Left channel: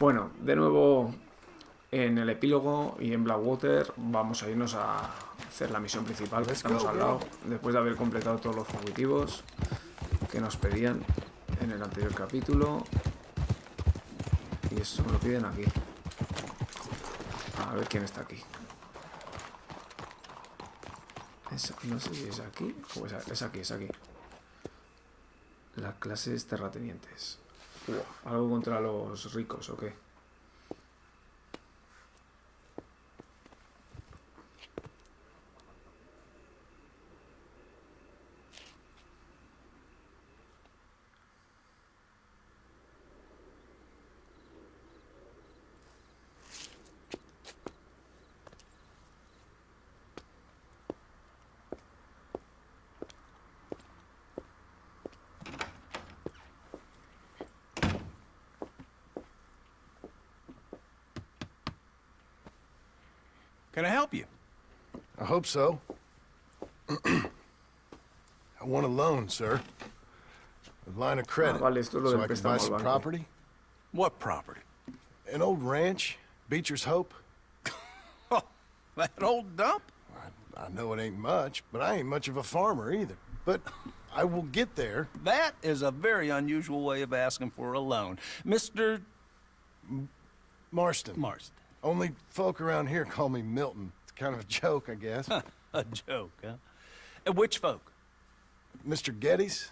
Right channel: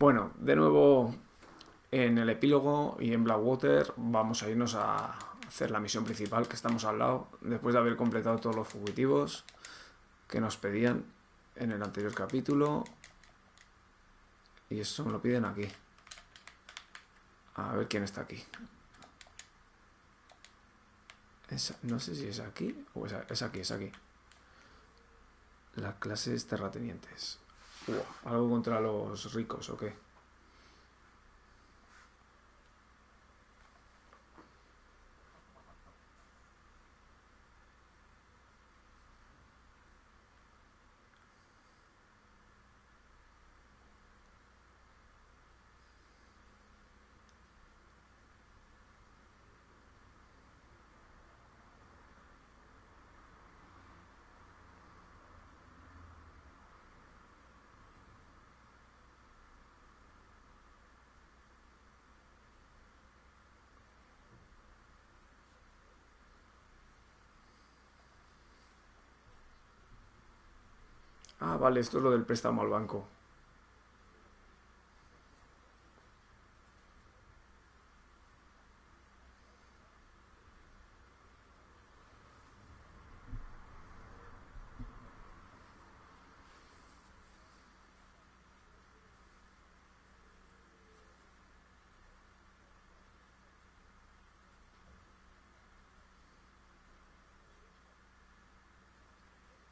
Bueno, de nuevo en el epílogo y en Blackwater vamos a irnos a hacer la misión principal, que estamos al lado, después de haber completado todos los fugitivos que nos pedían en el anterior capítulo. Y eso me lo piden aquí. A ver quién está aquí. No sé si es aquí o es aquí, es aquí. Las clases terratenientes. ¿Algo contra los ricos o qué? Can I help you? I hope so. I want a loan, sir. A line of credit. Vale, esto es lo so del I can préstamo buy al some banco. property. What property? An old ranch, Beecher's Hope. Oh, that old dump? I know it ain't much, but I ain't much of a farmer either. But I will get there. That is a very unusual way of asking for a loan. Mr. Marston. Marston. Only folk around here call me Milton. It's kind of a joke, I guess. A joke, huh? Which folk? Mr. Geddes?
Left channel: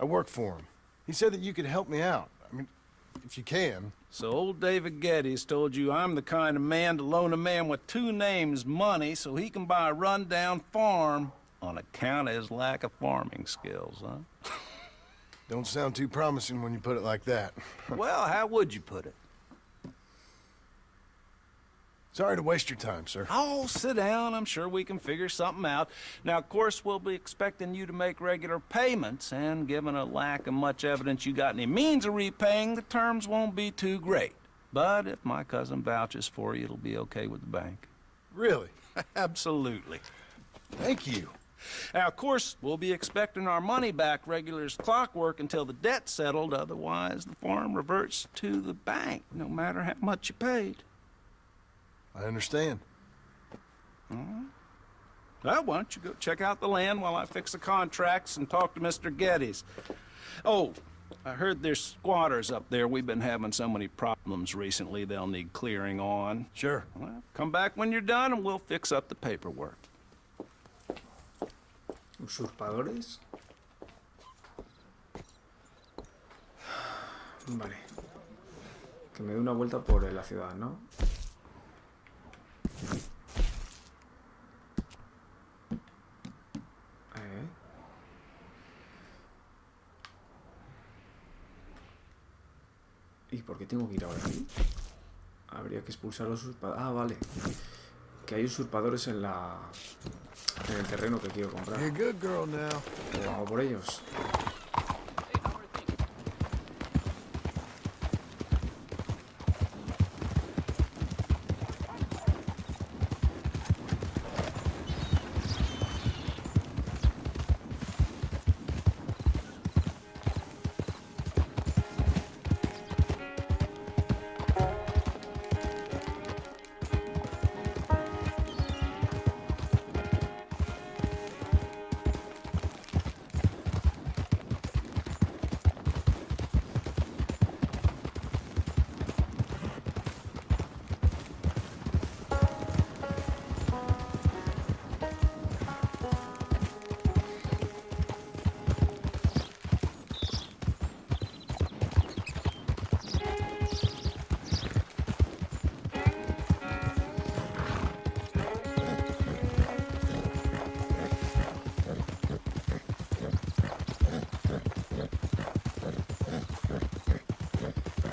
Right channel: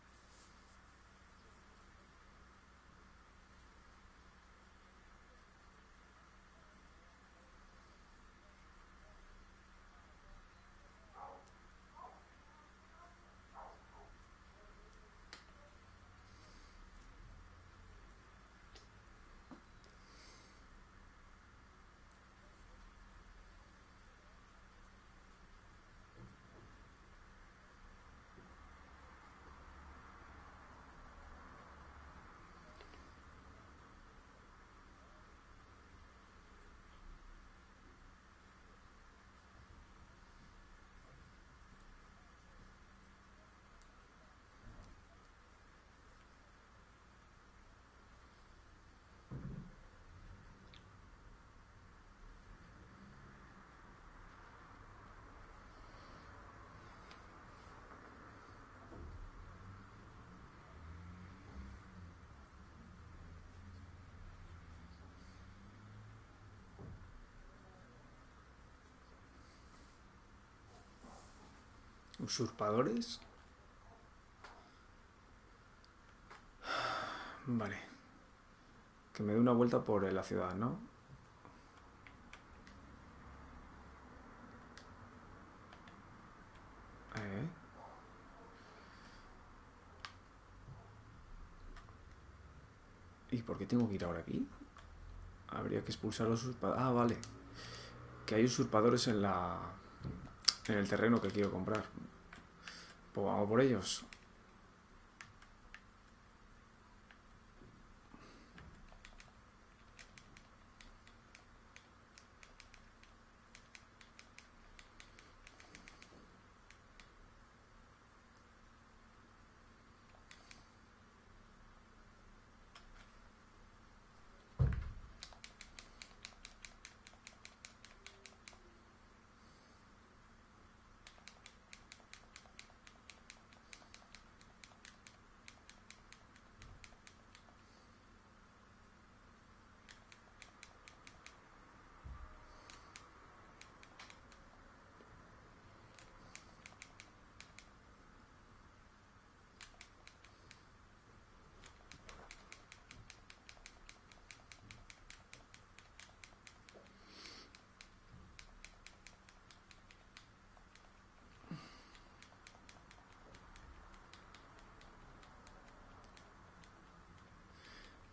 I work for him. He said that you could help me out. I mean, if you can. So old David Geddes told you I'm the kind of man to loan a man with two names money so he can buy a rundown farm on account of his lack of farming skills, huh? Don't sound too promising when you put it like that. Well, how would you put it? Sorry to waste your time, sir. Oh, sit down. I'm sure we can figure something out. Now, of course, we'll be expecting you to make regular payments, and given a lack of much evidence you got any means of repaying, the terms won't be too great. But if my cousin vouches for you, it'll be okay with the bank. Really? Absolutely. Thank you. Now, of course, we'll be expecting our money back regular as clockwork until the debt's settled. Otherwise, the farm reverts to the bank, no matter how much you paid. I understand. Well, why don't you go check out the land while I fix the contracts and talk to Mr. Geddes. Oh, I heard there's squatters up there. We've been having so many problems recently, they'll need clearing on. Sure. Well, come back when you're done and we'll fix up the paperwork. ¿Usurpadores? Vale. Que me dé una vuelta por la ciudad, ¿no? ¿Y por qué tengo que ir ahora aquí? Habría que expulsar a los usurpadores. Ah, vale. Que hay usurpadores en el terreno que quiero comprar. You're a good girl now. Pues vamos por ellos.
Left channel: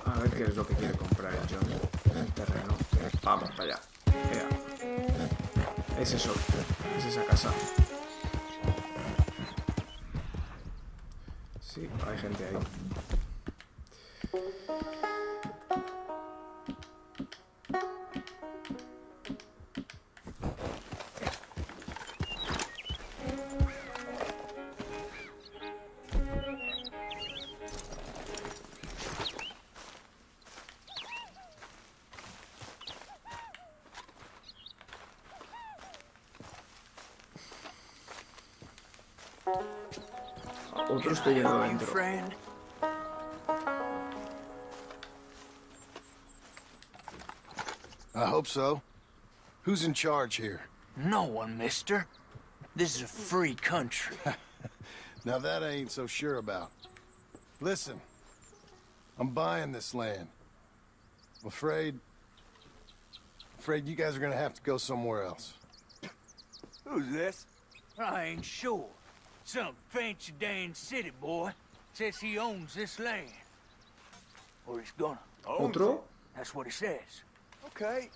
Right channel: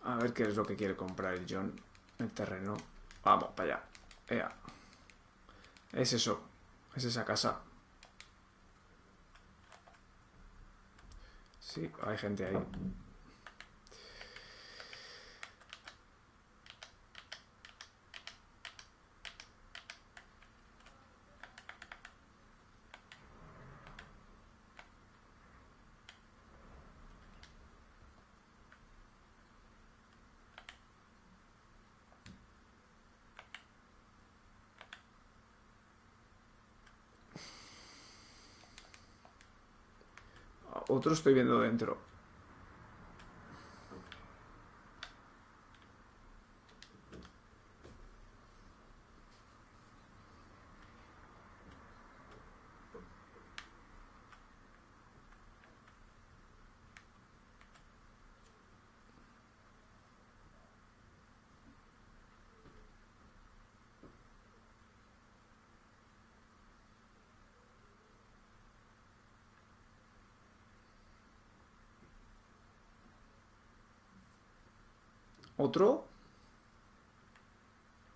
A ver qué es lo que quiere comprar el John. El terreno. Vamos para allá. Ea. Es eso. Es esa casa. Sí, hay gente ahí. Otro estoy viendo dentro. Friend? I hope so. Who's in charge here? No one, mister. This is a free country. Now that I ain't so sure about. Listen, I'm buying this land. I'm afraid you guys are gonna have to go somewhere else. Who's this? I ain't sure. Some fancy Dan city boy says he owns this land. Or he's gonna. Otro. That's what he says. Okay.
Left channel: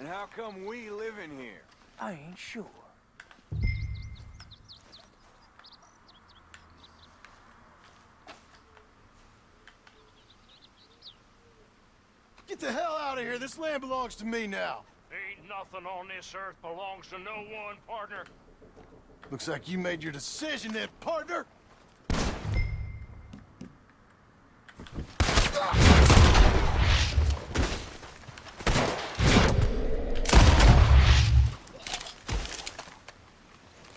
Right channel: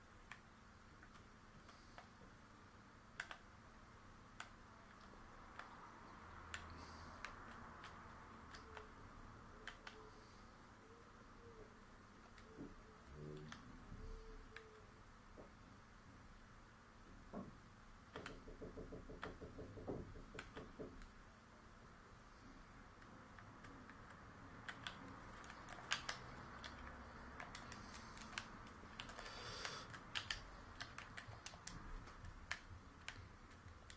And how come we live in here? I ain't sure. Get the hell out of here. This land belongs to me now. Ain't nothing on this earth belongs to no one, partner. Looks like you made your decision then, partner.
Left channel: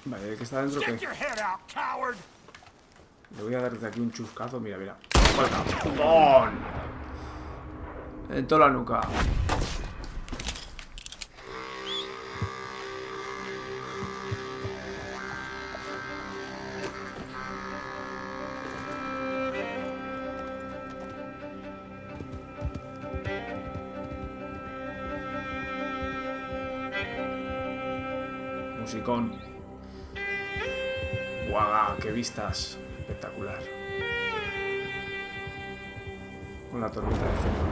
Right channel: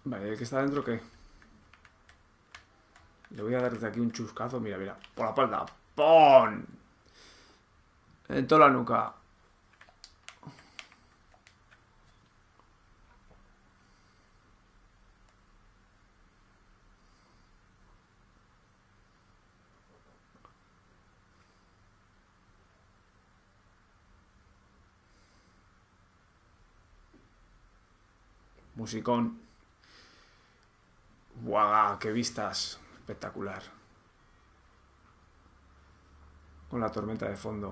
Vale, el que está dentro, ¿qué? Get your head out, coward. Le voy a dar desde aquí un chuscazo. Mira, mira. ¡Falta! ¡Pon! En toda la nuca. Musicón. ¡Guau! ¡Qué vistas! Espectacular. Con la tormenta de fondo.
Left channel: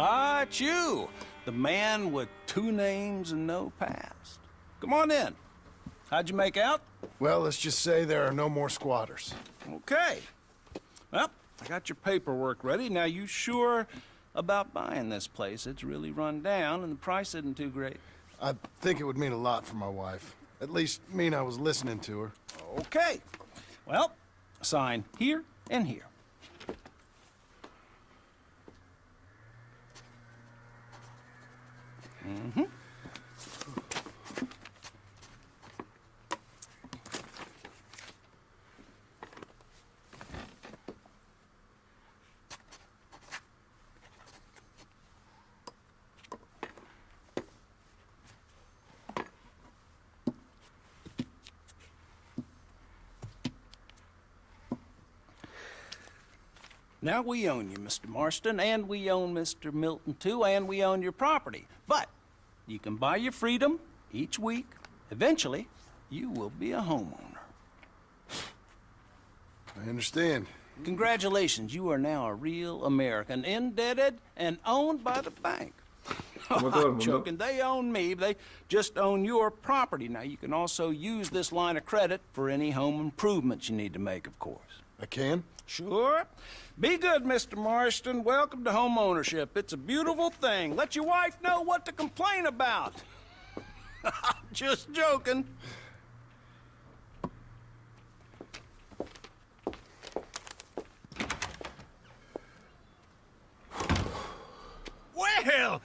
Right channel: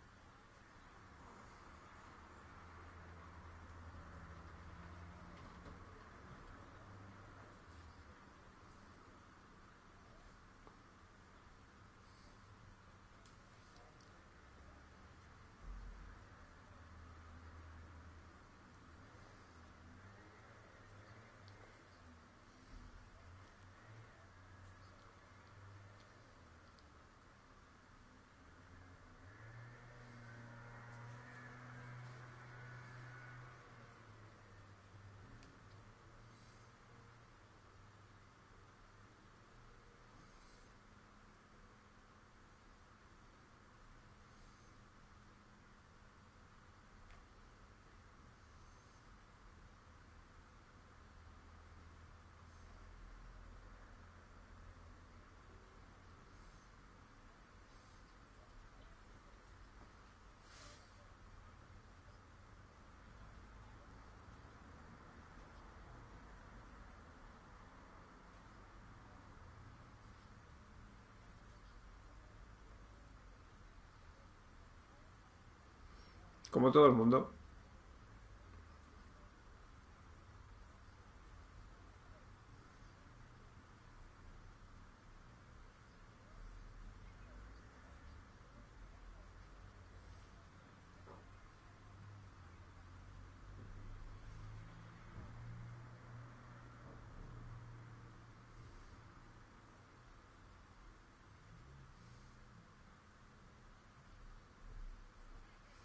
Ah, it's you. The man with 2 names and no past. Come on in. How'd you make out? Well, let's just say there are no more squatters. Okay. Well, I got your paperwork ready. Now, you sure about buying this place? It's really run down, and the price isn't too great. I think it would mean a lot for my wife. At least mean I was listening to her. Okay. Well, sign here and here. Now we own you, Mr. Marston, and we own Mr. Milton, too, and we own your property. But you can buy your freedom each week. Eventually, you will be a homeowner. I understand. Congratulations, you are now a real American, indebted and owned by the bank. Como todo el I'm mundo. joking. They own me. They just own your property. Now, you can also use this line of credit for any home improvements you need to make, of course. I can? Sure. Be good, Mr. Marston. Welcome to home ownership. It's a beautiful thing. Let your wife know what to complain about. Just joking. Well,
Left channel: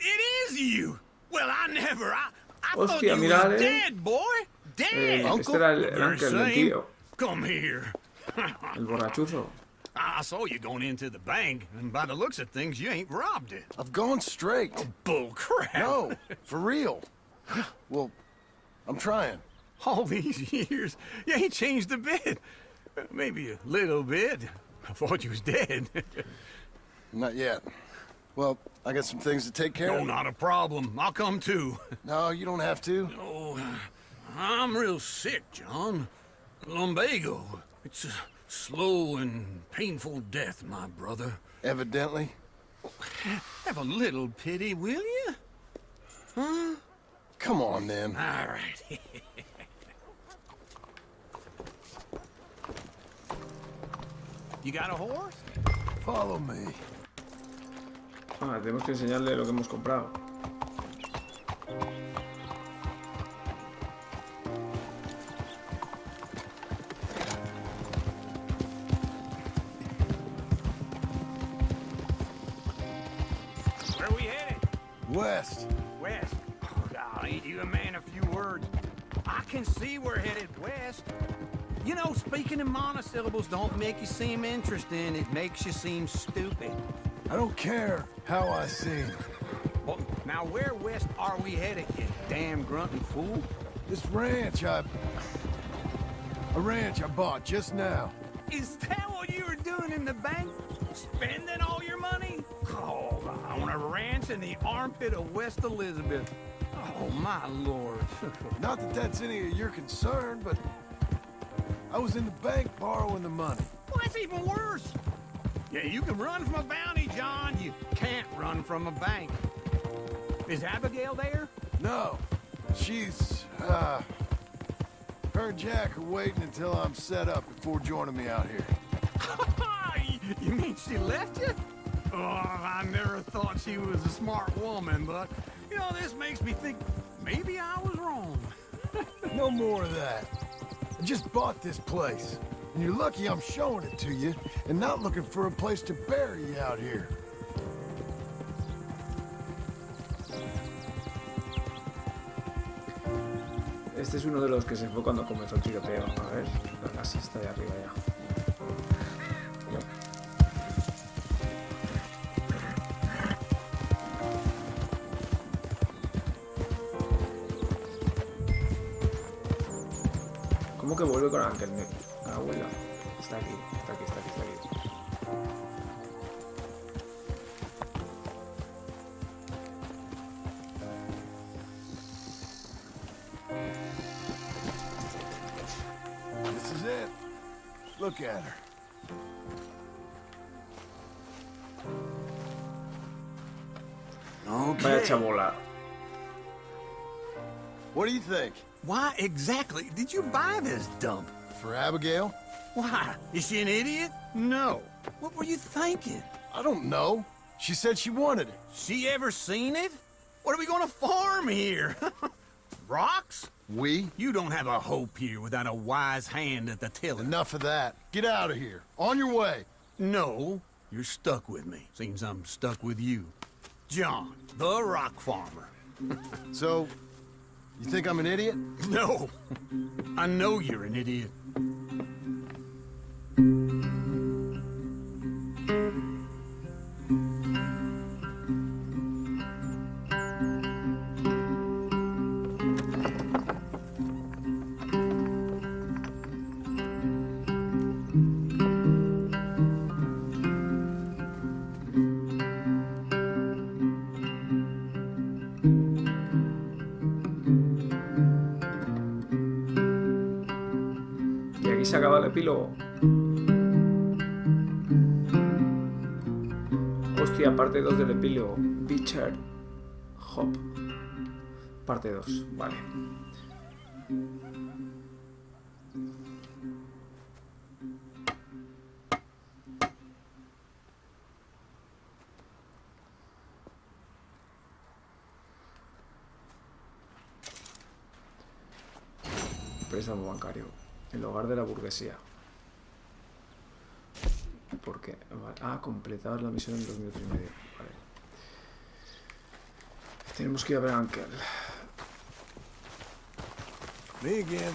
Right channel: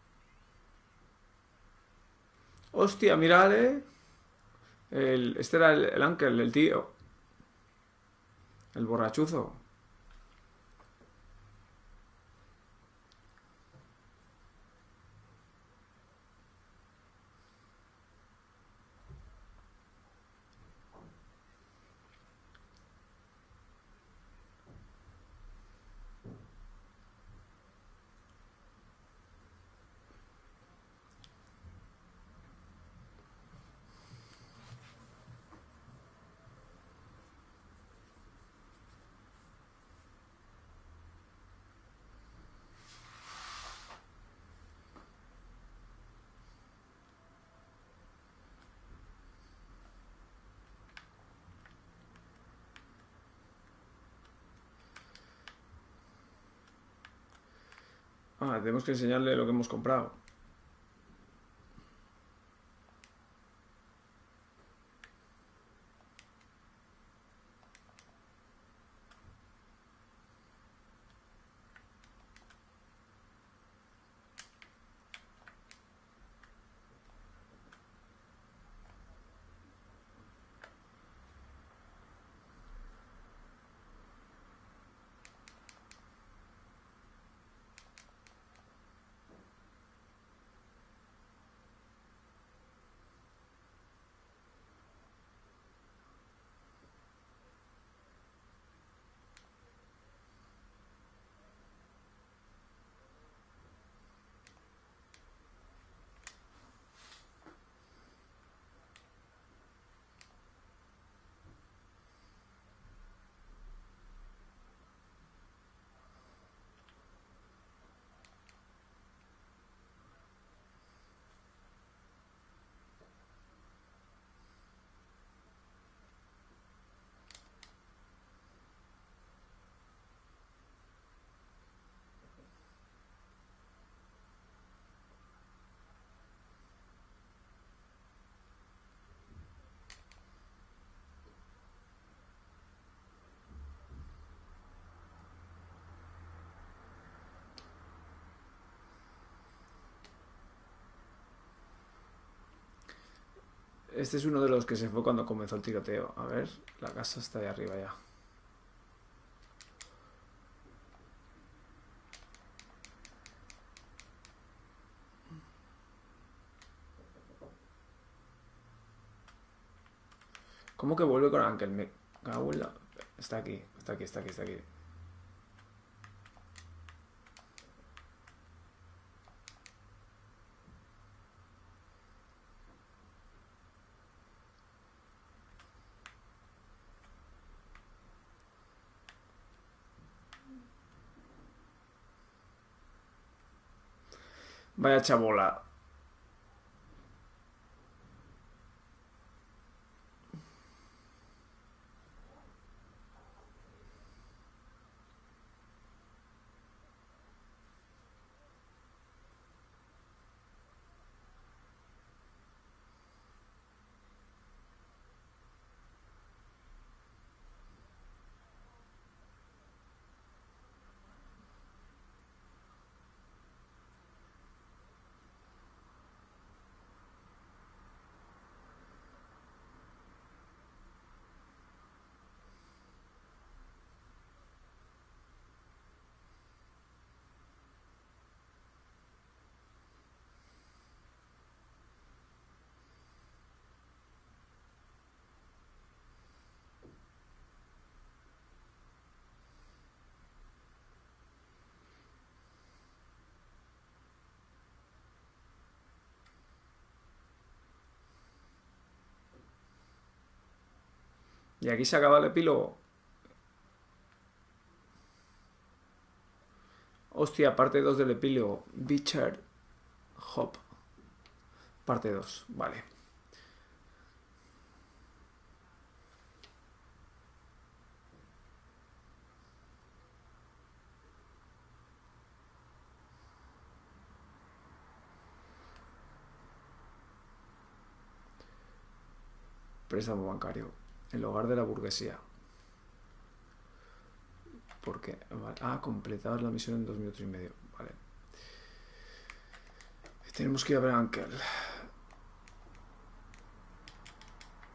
it is you. Well, I never. I Hostia, thought you mira, were eh. dead, boy. Dead. Este era el ángel del tío. Come here. El borrachuzo. I saw you going into the bank, and by the looks of things, you ain't robbed it. I've gone straight. Bull crap. No, for real. Well, I'm trying. All these years, you ain't changed a bit. Maybe a little bit. I thought you was dead. Not yet. Well, I got some things to take care No, of. not a problem. I'll come too. No, you don't have to. Oh, I'm real sick, John. Lumbago. It's a slow and painful death, my brother. Evidently. Have a little pity, will you? Huh? Come on, then. All right. You got a horse? Follow me. Ah, tenemos que enseñarle lo que hemos comprado. West. West? Oh, ain't you a man of few words? I can see we're headed west. You know, speaking in monosyllables don't make you seem interesting. It makes you seem stupid. I don't care how I seem. Well, now where west are we headed, you damn grunting fool? This ranch a ranch I bought just now. Is that what you were doing in the bank? Spending all your money? Oh, on a ranch in the armpit of West Elizabeth. Oh, my lord. Not that that's any of your concern, but I was in the bank borrowing the money. Well, that's even worse. Yeah, you can run from a bounty, John. You can't run from a bank. Is Abigail there? No, she's, her and Jack are waiting until I'm set up before joining me out here. You mean she left you? Oh, I never thought she was a smart woman, but, you know, this makes me think maybe I was wrong. No more of that. I just bought this place, and you're lucky I'm showing it to you and not looking for a place to bury you out here. Este es uno de los que se fue cuando comenzó el tiroteo. A ver, la casa está ahí arriba ya. ¿Cómo que vuelve con Ángel? Me cago en la... Está aquí, está aquí, está aquí, está aquí. This is it. Look at her. Vaya chabola. What do you think? Why exactly did you buy this dump? For Abigail? Why? Is she an idiot? No. What were you thinking? I don't know. She said she wanted it. She ever seen it? What are we gonna farm here? Rocks? We? You don't have a hope here without a wise hand at the tiller. Enough of that. Get out of here. On your way. No, you're stuck with me. Seems I'm stuck with you. John, the rock farmer. So, you think I'm an idiot? No, I know you're an idiot. Y aquí se acaba el epílogo. Hostia, parte 2 del epílogo. Beecher Hop. Parte 2, vale. Préstamo bancario. El hogar de la burguesía. ¿Por qué? Vale. Ah, completar la misión en 2 minutos y medio. Vale. Tenemos que ir a ver a Ángel. Me again.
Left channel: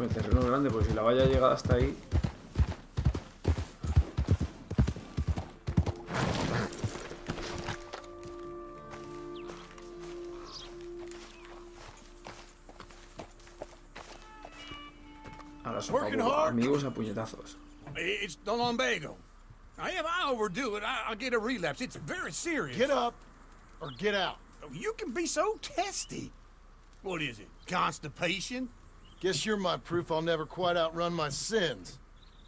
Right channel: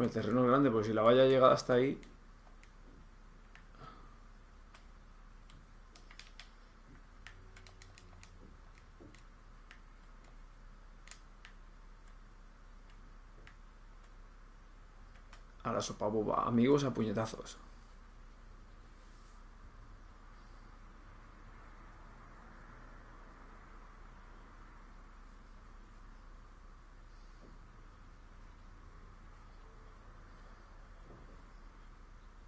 El terreno es grande, porque si la valla llega hasta ahí... A la sopa boba. Amigos a puñetazos. It's the lumbago. If I overdo it, I'll get a relapse. It's very serious. Get up or get out. You can be so testy. What is it? Constipation? Guess you're my proof I'll never quite outrun my sins.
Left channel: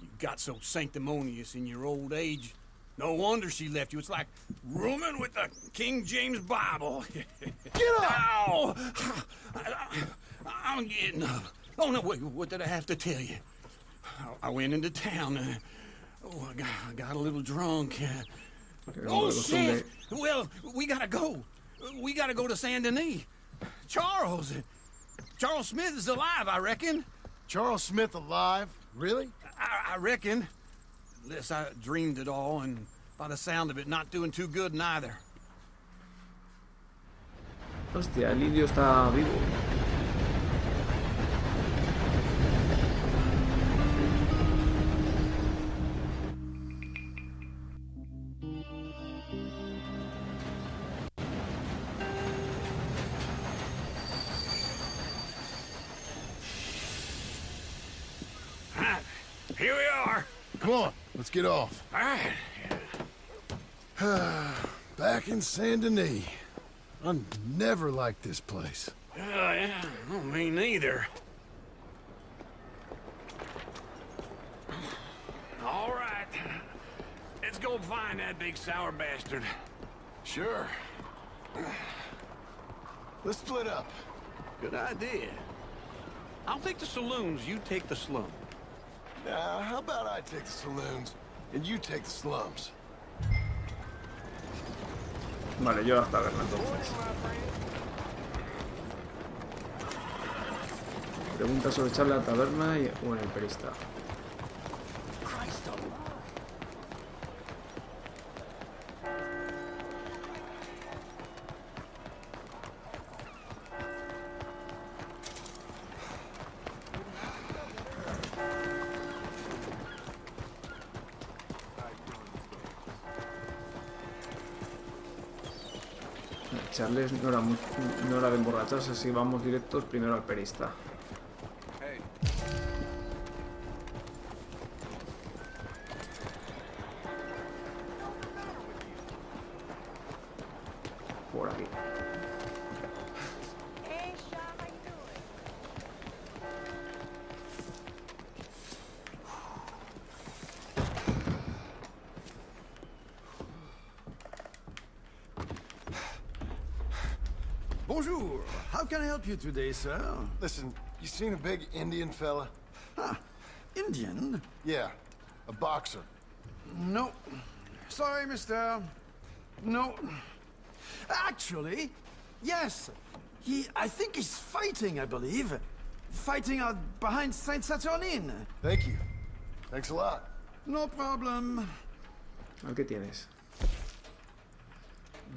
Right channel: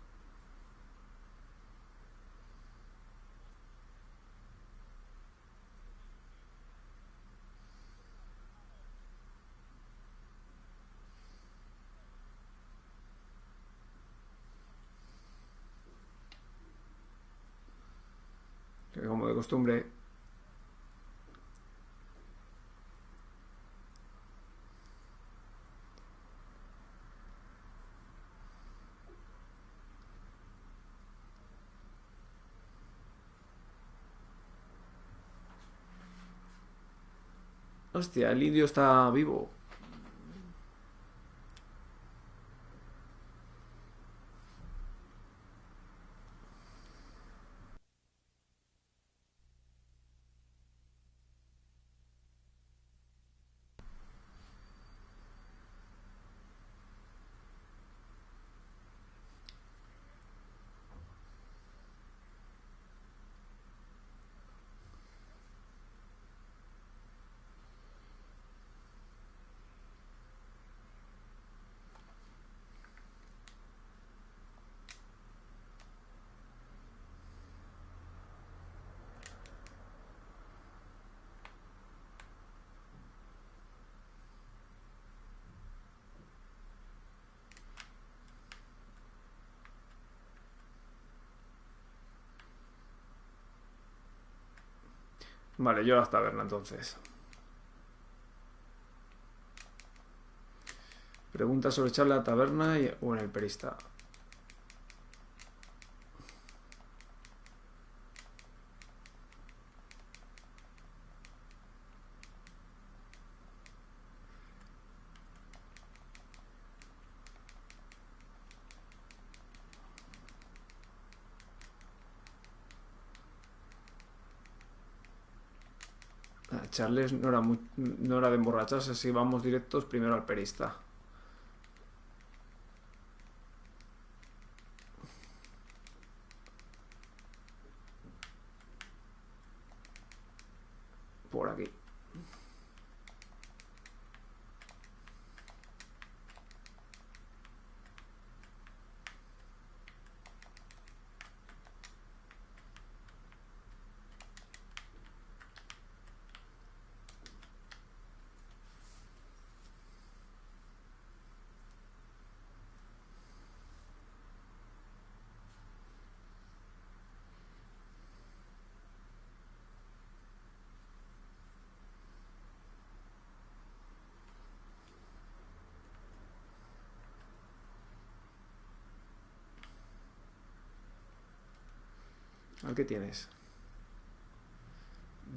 You got so sanctimonious in your old age. No wonder she left you. It's like rooming with the King James Bible. Get up! Ow! I'm getting up. Oh, no, wait, what did I have to tell you? I went into town. I got a little drunk. Oh, shit! Well, we gotta go. We gotta go to Saint Denis. Charles Smith is alive, I reckon. Charles Smith alive? Really? I reckon. Unless I dreamed it all, and by the sound of it, not doing too good neither. Hostia, el indio está vivo. Here we are. Come on, let's get off. All right. Back in Saint Denis. I never liked this place. Yeah, well, me neither. All right. Let's go find that big sour bastard. Sure. Let's split up. Good idea. I'll take the saloons, you take the slum. How about I take the saloons and you take the slums? Vale, yo a la taberna entonces. Pregunta sobre echarle a la taberna o en el perista. Echarles no era de emborracharse, así vamos directos primero al perista. Por aquí. Bonjour. How can I help you today, sir? Listen, you seen a big Indian fella? Ah, Indian? Yeah, a boxer. No. Sorry, mister. No. Actually, yes. I think he's fighting, I believe. Fighting out behind Saint Saturnin. Thank you. Thanks a lot. No problem. ¿Qué tienes?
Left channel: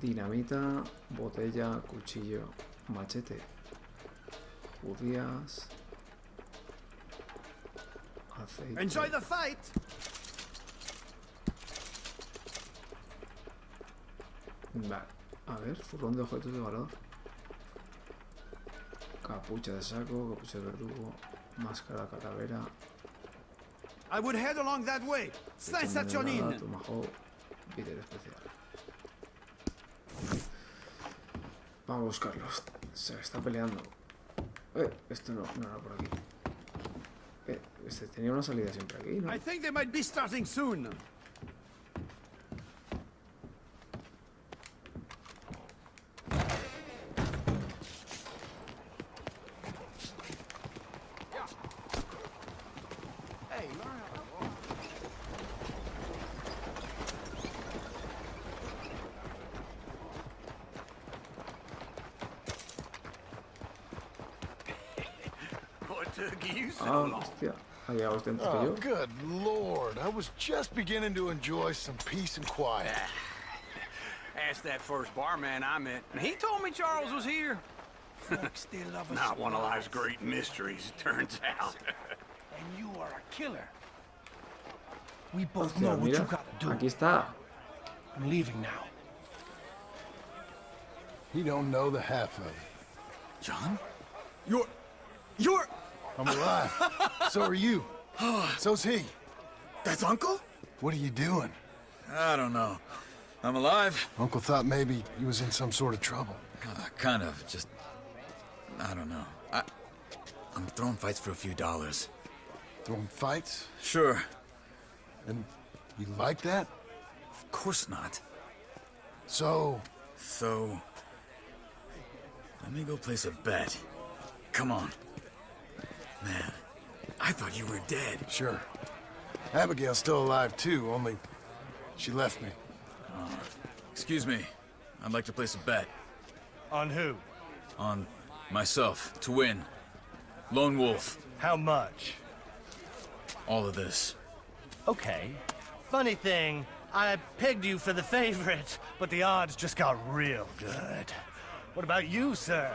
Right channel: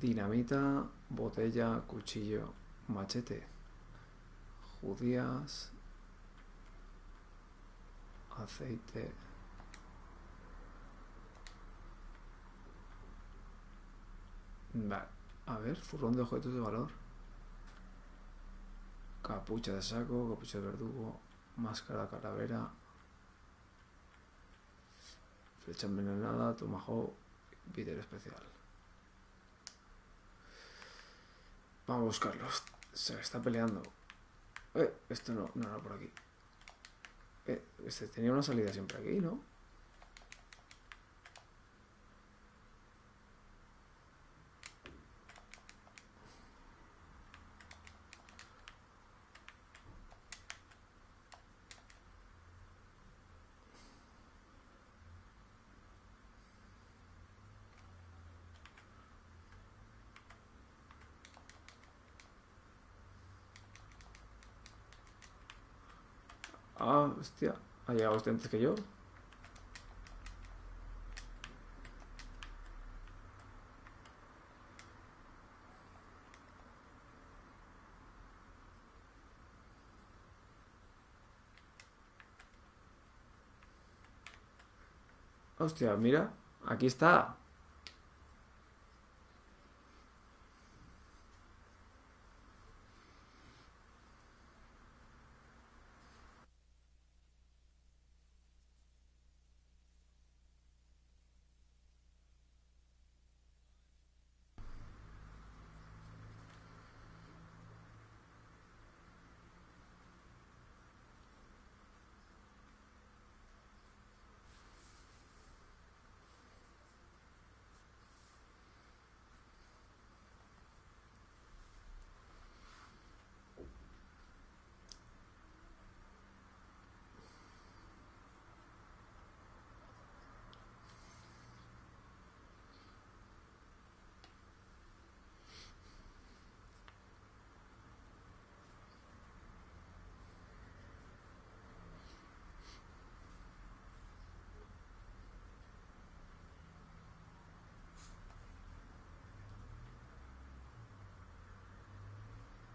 Dinamita, botella, cuchillo, machete, judías, aceite. Enjoy the fight. Vale, a ver, furrón de objetos de valor. Capucha de saco, capucha de verdugo, máscara calavera. I would head along that way. Flecha Saint Saturnin. envenenada, tomahawk, víter especial. Vamos a buscarlos. Se está peleando. Esto no era por aquí. Este tenía una salida siempre aquí, ¿no? I think they might be starting soon. Ah, hostia. Ha llegado usted antes que yo. Good Lord. I was just beginning to enjoy some peace and quiet. Asked that first barman I met, and he told me Charles was here. Not one of life's great mysteries, it turns out. And you are a killer. We both Hostia, know what mira. you got to do. Aquí está. I'm leaving now. He don't know the half of it. John? You're... I'm alive. So are you. So's he. That's Uncle? What are you doing? I don't know. I'm alive. Uncle thought maybe he was in some sort of trouble. Kind of. Just... I don't know. I'm throwing fights for a few dollars. Throwing fights? Sure. And you like that? Of course not. So... So... Let me go place a bet. Come on. Man, I thought you were dead. Sure. Abigail's still alive too, only she left me. Excuse me. I'd like to place a bet. On who? On myself, to win. Lone Wolf. How much? All of this. Okay. Funny thing, I pegged you for the favorite, but the odds just got real good. What about you, sir?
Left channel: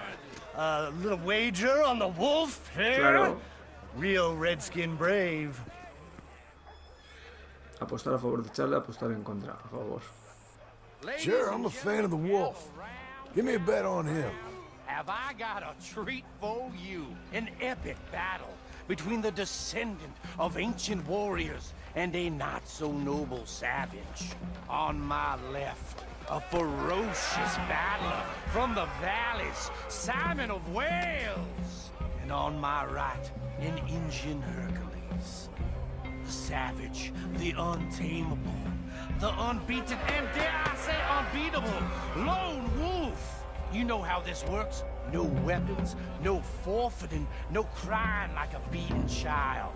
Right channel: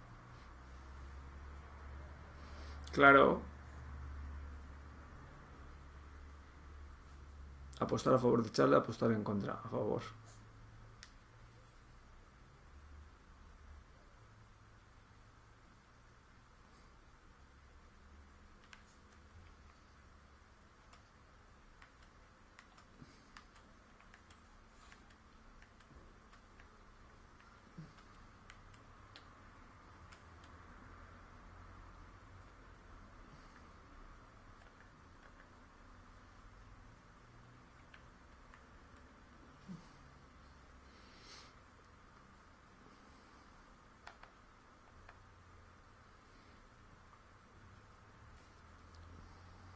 A little wager on the wolf? Eh? Claro. Real redskin brave. Apostar a favor de Charlie, apostar en contra. A favor. Sure, I'm a fan of the wolf. Give me a bet on him. Have I got a treat for you? An epic battle between the descendant of ancient warriors and a not-so-noble savage. On my left, a ferocious battler from the valleys, Simon of Wales. And on my right, an Indian Hercules. The savage, the untamable, the unbeaten, and dare I say unbeatable, lone wolf. You know how this works. No weapons, no forfeiting, no crying like a beaten child.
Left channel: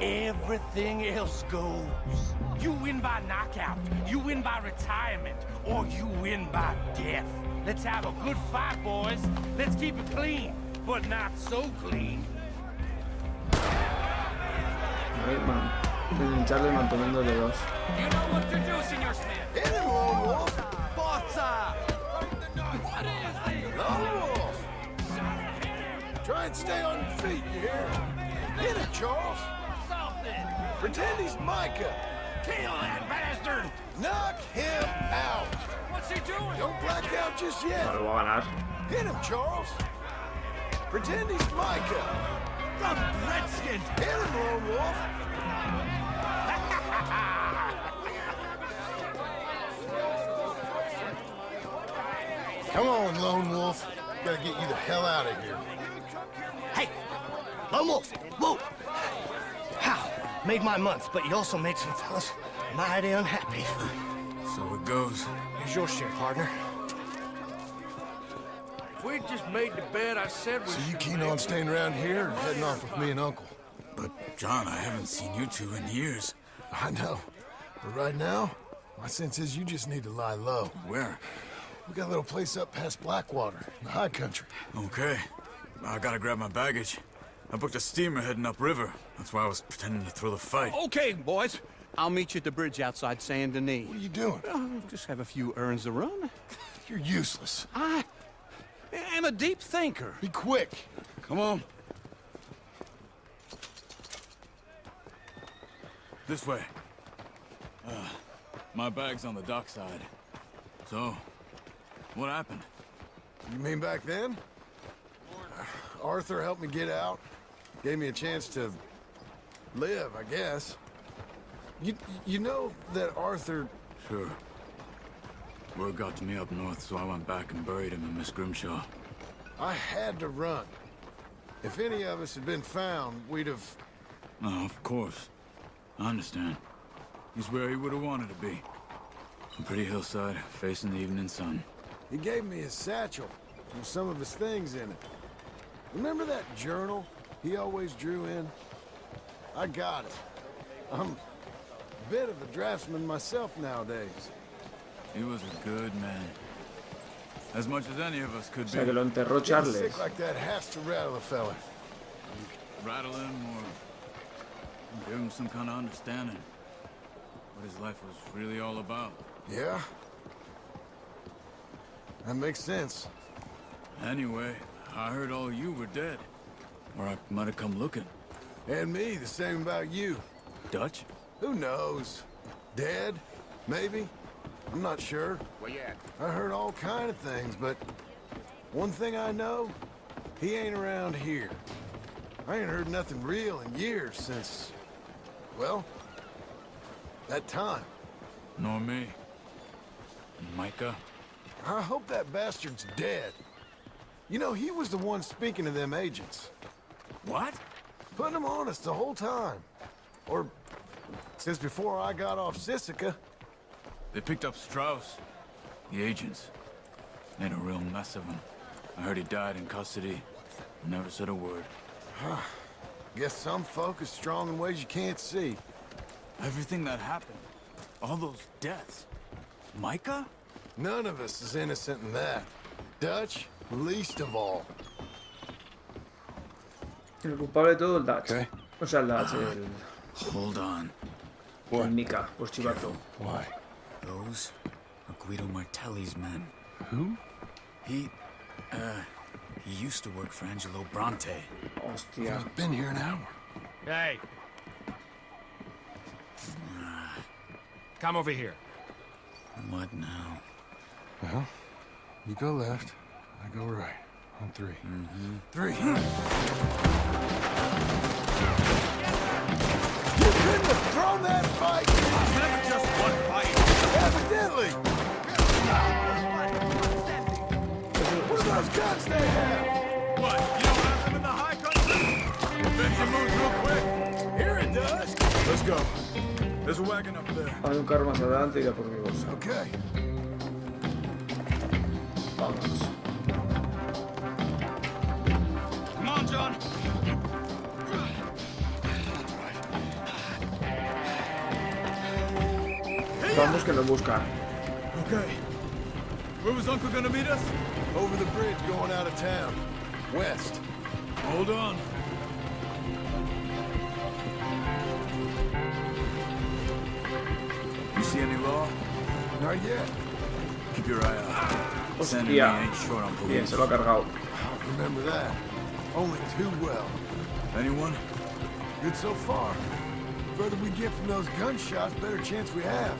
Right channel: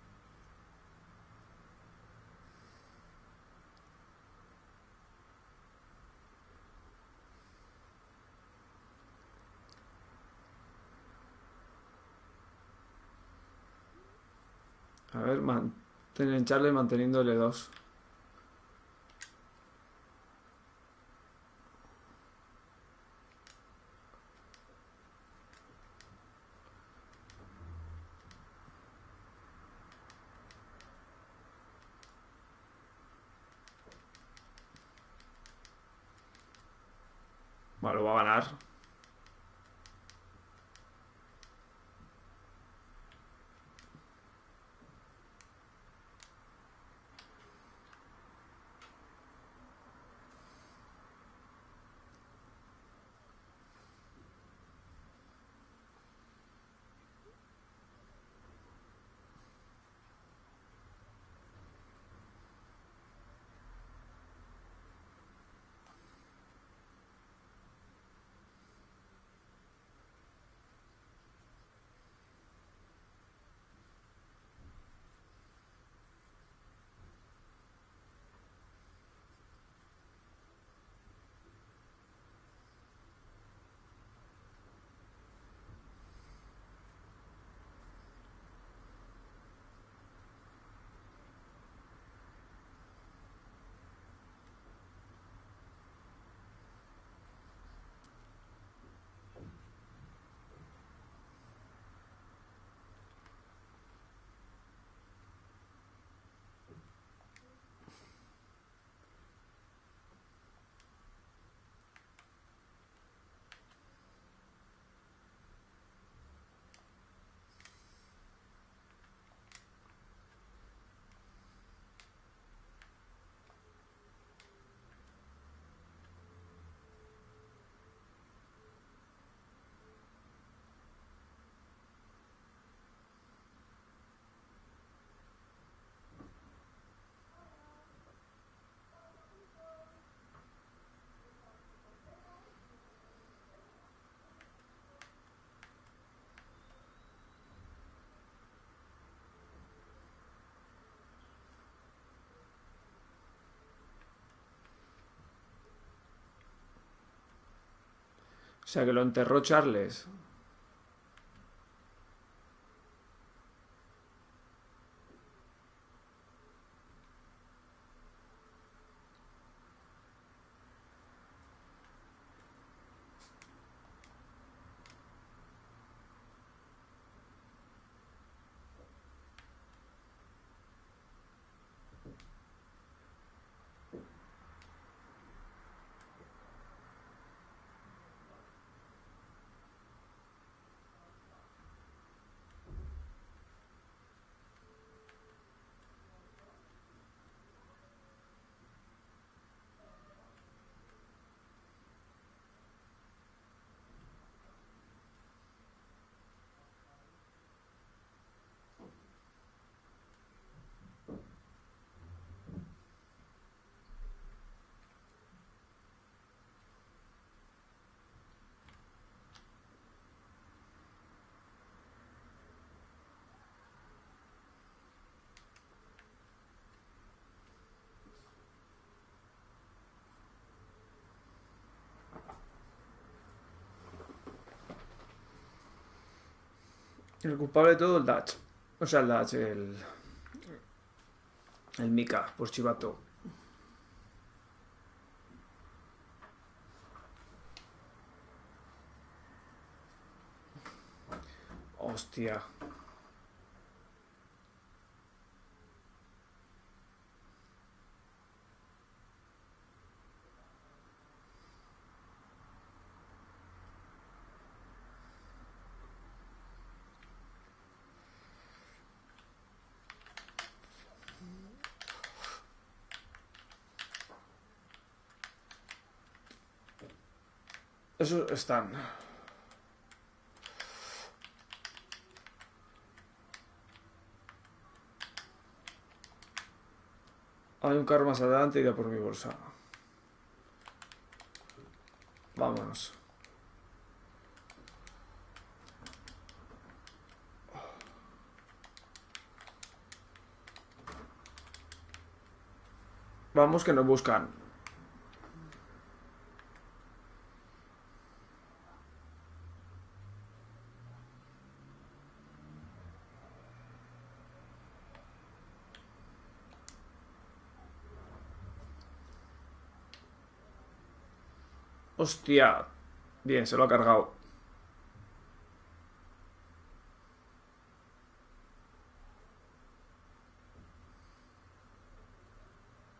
Everything else goes. You win by knockout, you win by retirement, or you win by death. Let's have a good fight, boys. Let's keep it clean, but not so clean. A ver, Charlie manteniéndole 2. You know what to do, Senor Smith. Hit him, Lone Wolf. Bota! What is this? Lone Wolf. Try and stay on your feet, you hear? Hit him, Charles. Something! Pretend he's Micah. Kill that bastard! Knock him out. What's he doing? Don't black out just yet. Vale, va a ganar. Hit him, Charles. Pretend he's Micah. The Redskin! Hit him, Lone Wolf. Come on, Lone Wolf. Gotta get you the hell out of here. Hey, Lone Wolf, whoa! How? Made my month, but you also made some fellas mighty unhappy. So it goes. Here's your share, partner. If we'd just made the bet I said we So you keen on staying around here or heading off with me and Uncle? But, John, I haven't seen you two in years. I know. But right now, my sense is you just need to lie low. Where? We got a little place up past Blackwater, in the high country. Okay. I gotta grab my baggage. I booked a steamer heading upriver. That's why I was pretending to throw the fight. Okay, boys. I'll meet you at the bridge outside Saint Denis. What are you doing? Just have a few errands to run. You're useless. I am a deep thinker. Be quick. Come on. This way. My bag's on the dockside. So, what happened? You mean back then? Arthur helped me get out. Gave me a chance to live, I guess. You know that Arthur... Sure. Word got to me up north, so I went back and buried him in Miss Grimshaw. I had to run. If any of us had been found, we'd have... Oh, of course. I understand. He's where he would have wanted to be. A pretty hillside, facing the evening sun. He gave me his satchel with some of his things in it. Remember that journal he always drew in? I got it. I'm a bit of a draftsman myself nowadays. He was a good man. As much as any of us could O sea que lo enterró Charles. Like that has to rattle a fella. rattle him or give him some kind of understanding what his life was really all about. Yeah? That makes sense. Anyway, I heard all you were dead. Or I might have come looking. And me, the same about you. Dutch? Who knows? Dead? Maybe? I'm not sure. Where you at? I heard all kind of things, but one thing I know, he ain't around here. I ain't heard nothing real in years since, well, that time. Nor me. Micah? I hope that bastard's dead. You know, he was the one speaking to them agents. What? Putting them on us the whole time. Or, since before I got off Sisika. They picked up Strauss. The agents. Made a real mess of him. I heard he died in custody. Never said a word. Guess some folk is strong in ways you can't see. Everything that happened. All those deaths. Micah? None of us is innocent in that. Dutch, least of all. El culpable de todo, el Dutch. Okay. O sea, el Dutch, el... Hold on. El Mika, por chivato. Why? Those are Guido Martelli's men. Who? He used to work for Angelo Bronte. Hostia. Been here an hour. Hey. Come over here. What now? Well, you go left, I go right. On 3. Three. You couldn't have thrown that fight! Never just one fight. Evidently! Eso está. Those guns they have! What? You don't have them in the high country? Benji moves real quick. Here it does! Let's go. There's a wagon up there. Hay un carro más adelante y ya por mi bolsa. Okay. Vámonos. Come on, John. Vamos que nos buscan. Okay. Where was Uncle gonna meet us? Over the bridge going out of town. West. Hold on. You see any law? Not yet. Keep your eye out. Hostia. Bien, se lo ha cargado. Remember that. Only too well. Anyone? Good so far. Further we get from those gunshots, better chance we have.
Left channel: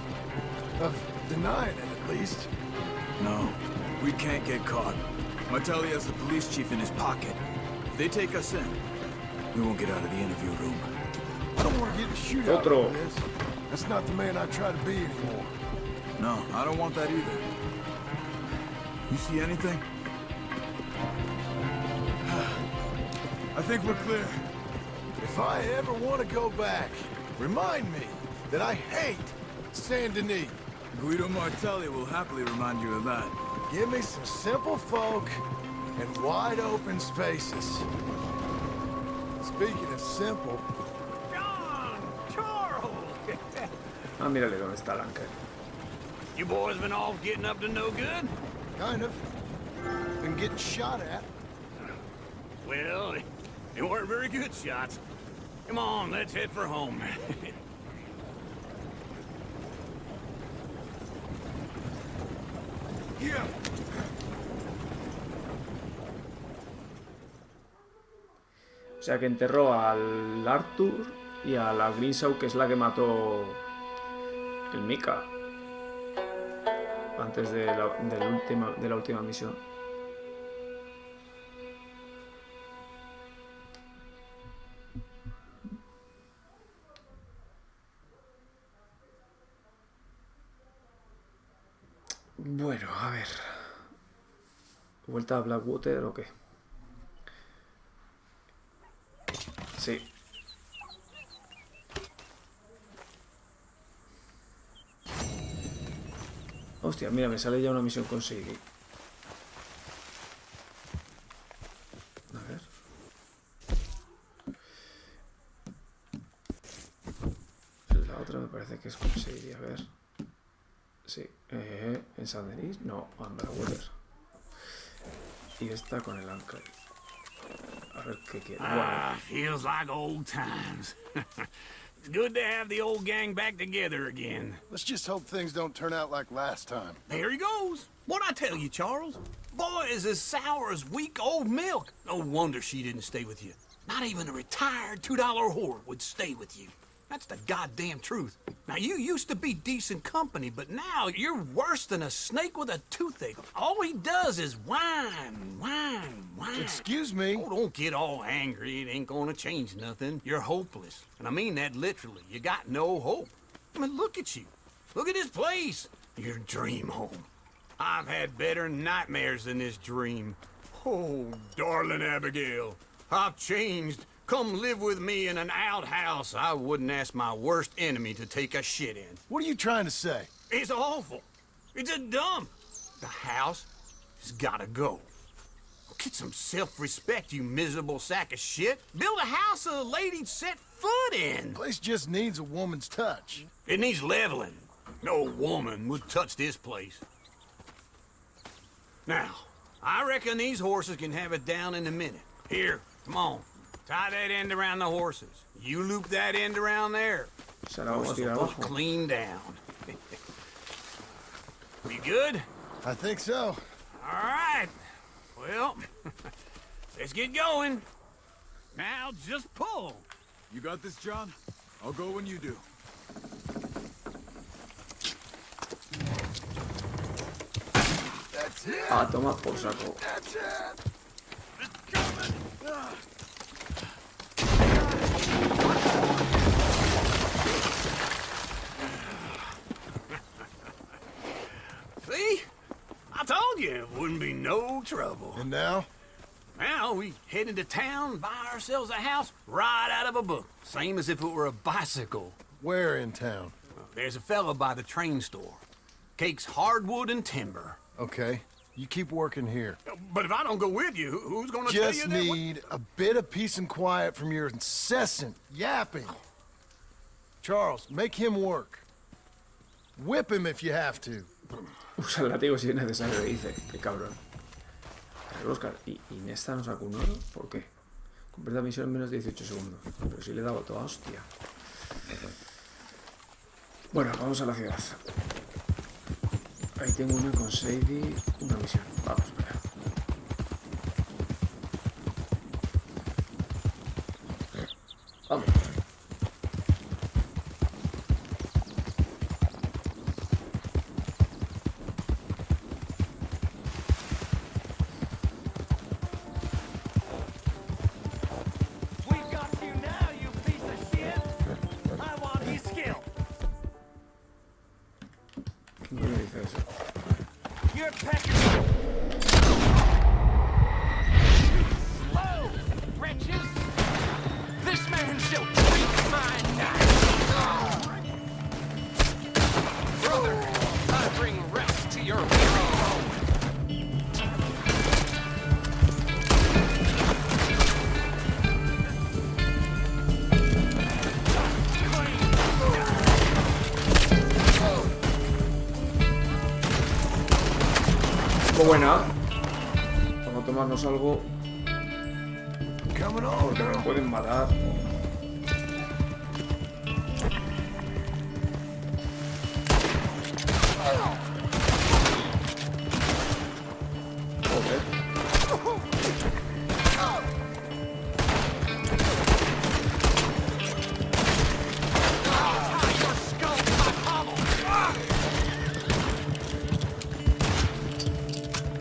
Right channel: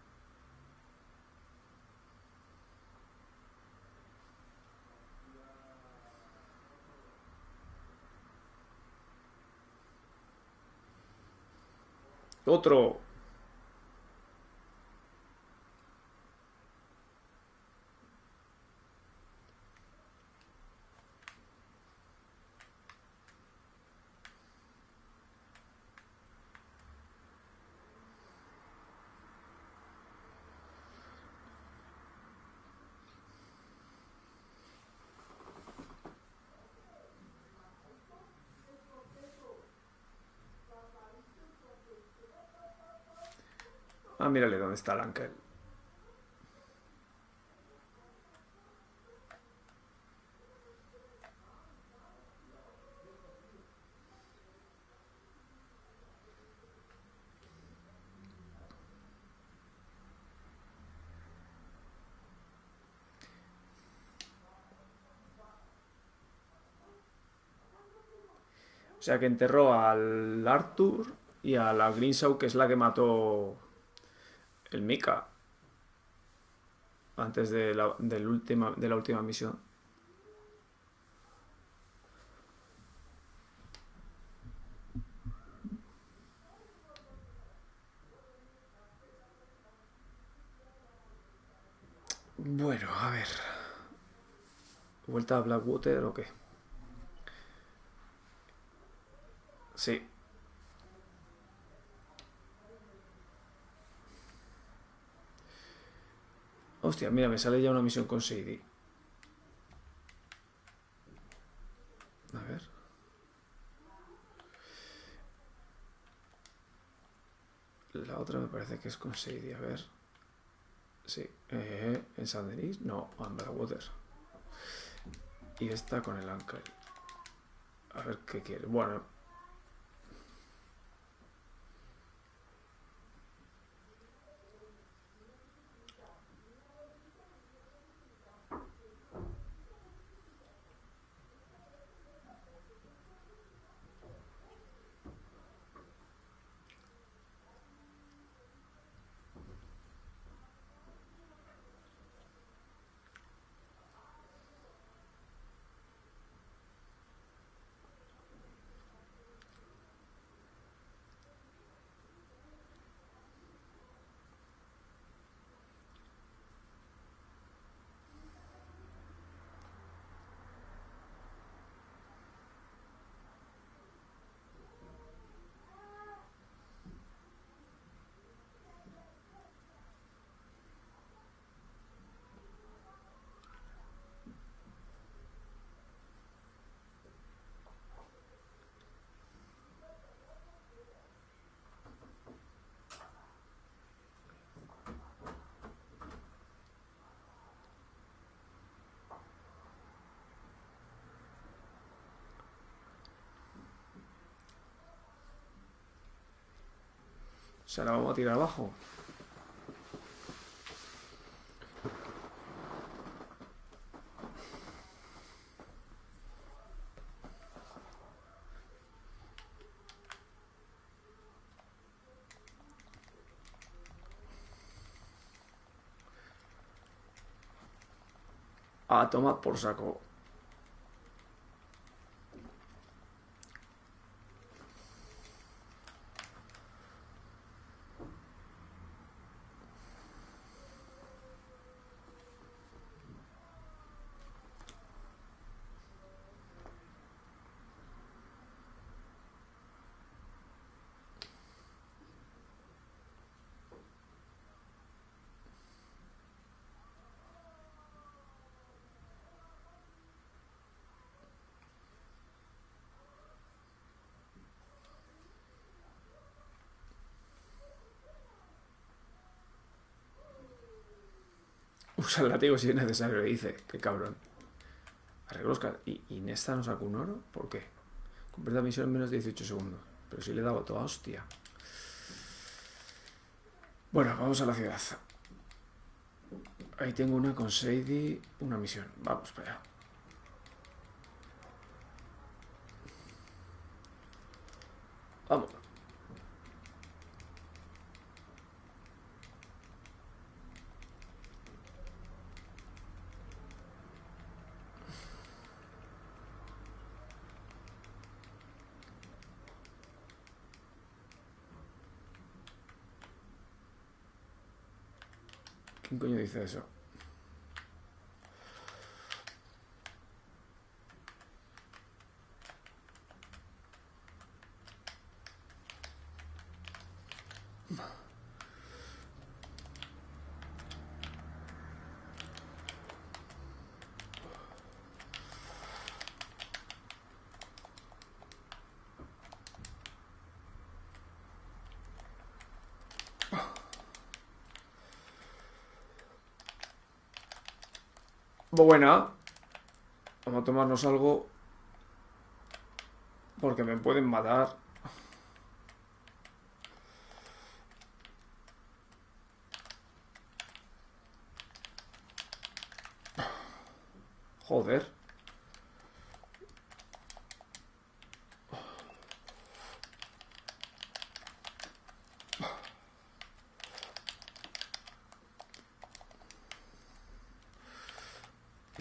Of denying it, at least. No, we can't get caught. Martelli has the police chief in his pocket. If they take us in, we won't get out of the interview room. I don't want to get a shootout Otro. over this. That's not the man I try to be anymore. No, I don't want that either. You see anything? I think we're clear. If I ever want to go back, remind me that I hate Saint Denis. Guido Martelli will happily remind you of that. Give me some simple folk and wide open spaces. Speaking of simple, John! Charles! Ah, mírale dónde está el Anker. You boys been off getting up to no good? kind of. Been getting shot at. Well, they weren't very good shots. Come on, let's head for home. Yeah. O sea que enterró al Arthur y a la Grimshaw, que es la que mató el Mika antes de la última misión. Bueno, a ver. ¿Vuelta a Blackwater o qué? Sí. Hostia, mira, me sale ya una misión con Sadie. A ver. La otra me parece que es con Sadie, a ver. Sí. ¿En San Denis? No, en Blackwater. Y esta con el Uncle. A ver qué quiere. Bueno. Feels like old times. It's good to have the old gang back together again. Let's just hope things don't turn out like last time. There he goes. What'd I tell you, Charles? Boy is as sour as week-old milk. No wonder she didn't stay with you. Not even a retired $2 whore would stay with you. That's the goddamn truth. Now, you used to be decent company, but now you're worse than a snake with a toothache. All he does is whine, whine, whine. Excuse me? Oh, don't get all angry. It ain't gonna change nothing. You're hopeless. And I mean that literally. You got no hope. I mean, look at you. Look at this place. Your dream home. I've had better nightmares than this dream. Oh, darling Abigail, I've changed. Come live with me in an outhouse I wouldn't ask my worst enemy to take a shit in. What are you trying to say? It's awful. It's a dump. The house has gotta go. Get some self-respect, you miserable sack of shit. Build a house a lady'd set foot in. Place just needs a woman's touch. It needs leveling. No woman would touch this place. Now, I reckon these horses can have it down in a minute. Here, come on. Tie that end around the horses. You loop that end around there. Se la vamos a tirar abajo. Clean down. You good? I think so. All right. Well, let's get going. Now just pull. You got this, John? I'll go when you do. A tomar por saco. See? I told you it wouldn't be no trouble. And now? Now we head into town, buy ourselves a house right out of a book. Same as if it were a bicycle. Where in town? There's a fella by the train store. Cakes hardwood and timber. Okay. You keep working here. But if I don't go with you, who's gonna tell you Just that? need a bit of peace and quiet from your incessant yapping. Charles, make him work. Whip him if you have to. Usa el látigo si es necesario, dice. Qué cabrón. Arreglos y Nesta nos sacó un oro. ¿Por qué? Completa misión en menos de 18 segundos. Pero si le he dado toda hostia. Bueno, vamos a la ciudad. Ahí tengo una con Sadie, una misión. Vamos para allá. Vamos. ¿Quién coño dice eso? Muy buena. Vamos a tomarnos algo porque me pueden matar. Joder.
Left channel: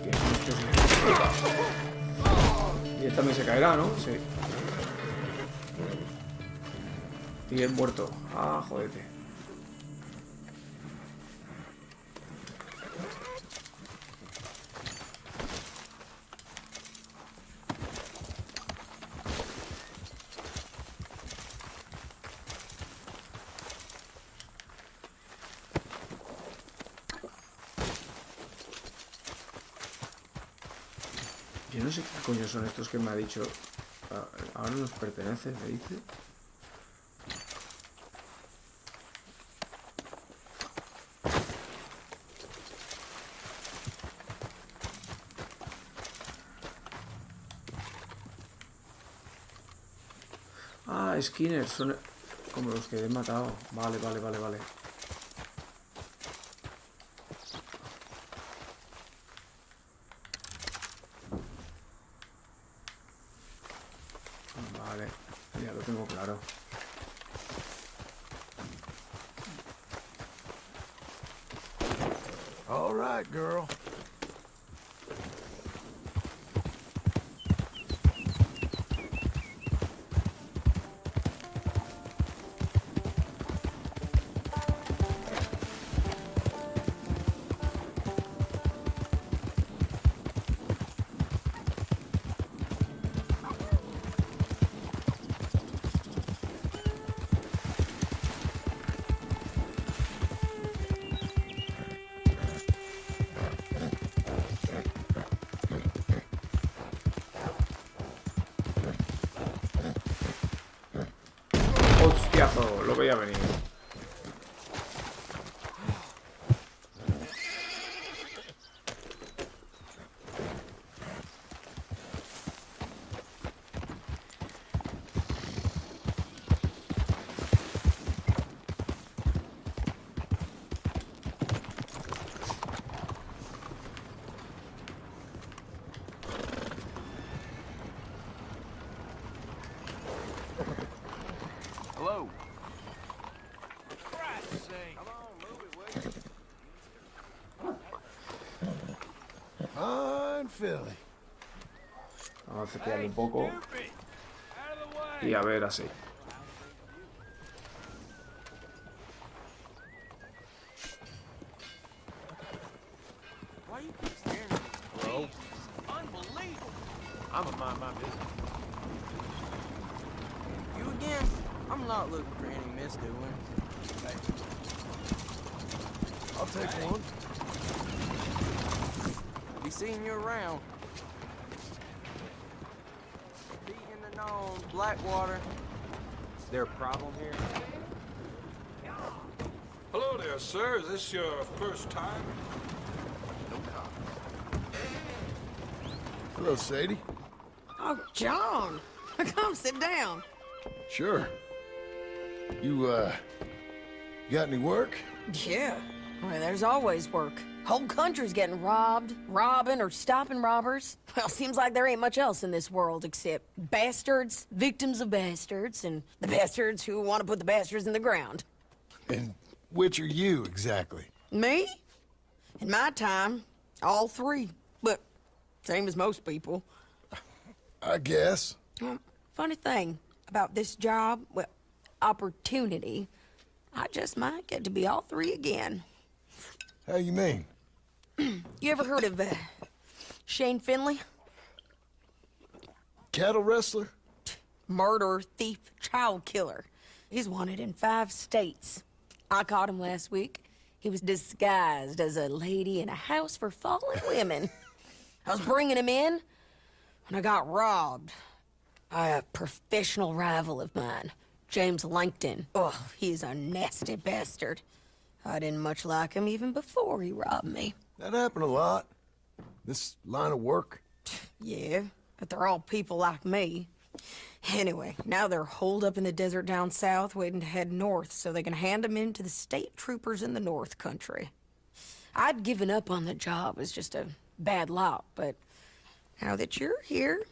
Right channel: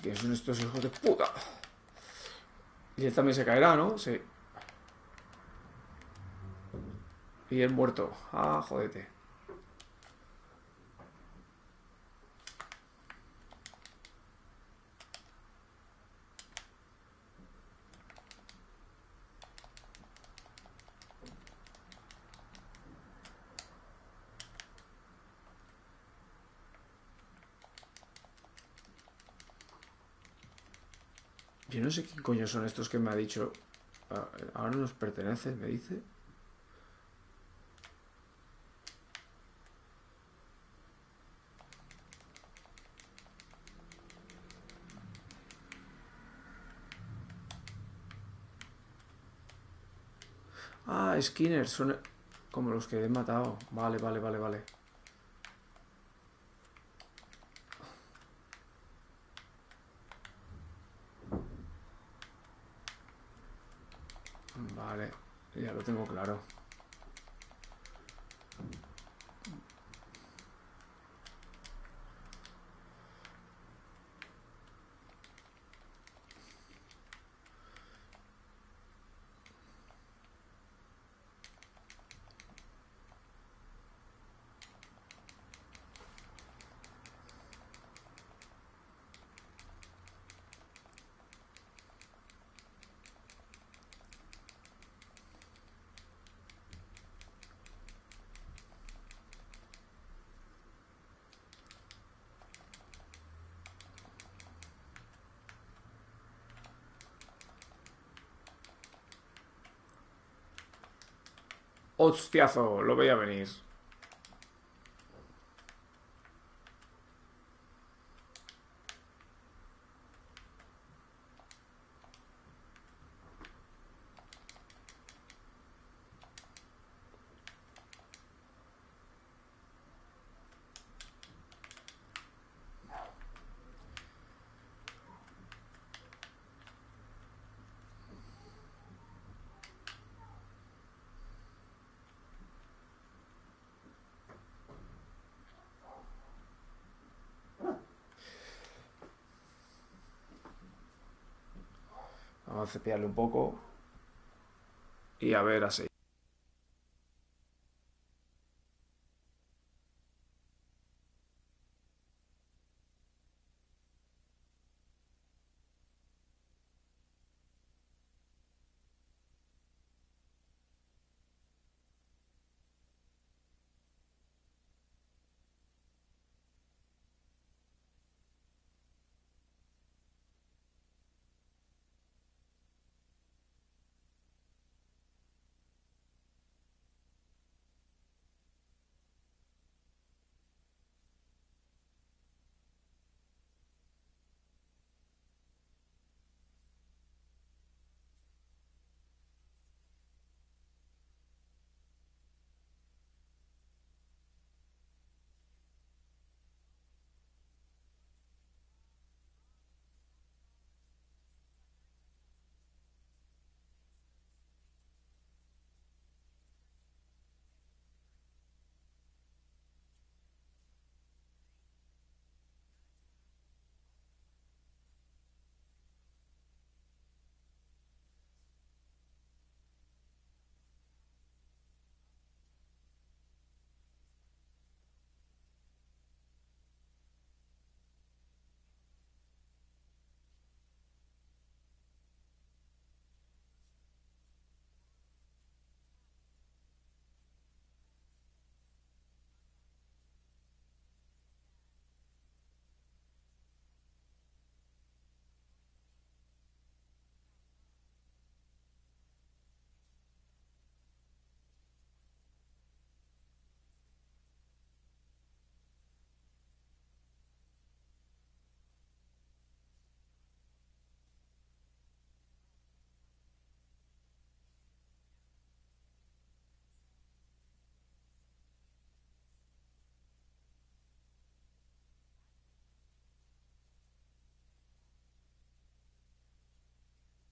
¿Qué son estos hijos de puta? Y él también se caerá, ¿no? Sí. Y es muerto. Ah, jodete. Yo no sé qué coño son estos que me ha dicho. Ahora nos pertenece, me dice. Ah, Skinner, son como los que he matado. Vale, vale, vale, vale. Vale, ya lo tengo claro. All right, girl. Hostiazo, lo veía venir. Philly. Vamos a cepillarle un poco. Y a ver, así. I'm gonna mind my business. You again? I'm not looking for any misdoings. Hey. I'll take one. Be seeing you around. Feet in the known, Blackwater. Is there a problem here? Hello there, sir. Is this your first time? No cop. Hello, Sadie. Oh, John. Come sit down. Sure. You got any work? Yeah. Well, there's always work. Whole country's getting robbed, robbing, or stopping robbers. Well, seems like there ain't much else in this world except bastards, victims of bastards, and the bastards who want to put the bastards in the ground. And which are you, exactly? Me? In my time, all three. But same as most people. I guess. Funny thing about this job, well, opportunity, I just might get to be all three again. How you mean? You ever heard of Shane Finley? Cattle wrestler? Murderer, thief, child killer. He's wanted in 5 states. I caught him last week. He was disguised as a lady in a house for fallen women. I was bringing him in when I got robbed by a professional rival of mine, James Langton. Oh, he's a nasty bastard. I didn't much like him even before he robbed me. That happened a lot. This line of work. Yeah, but they're all people like me. Anyway, now they're holed up in the desert down south waiting to head north so they can hand them in to the state troopers in the north country. I'd given up on the job as just a bad lot, but now that you're here,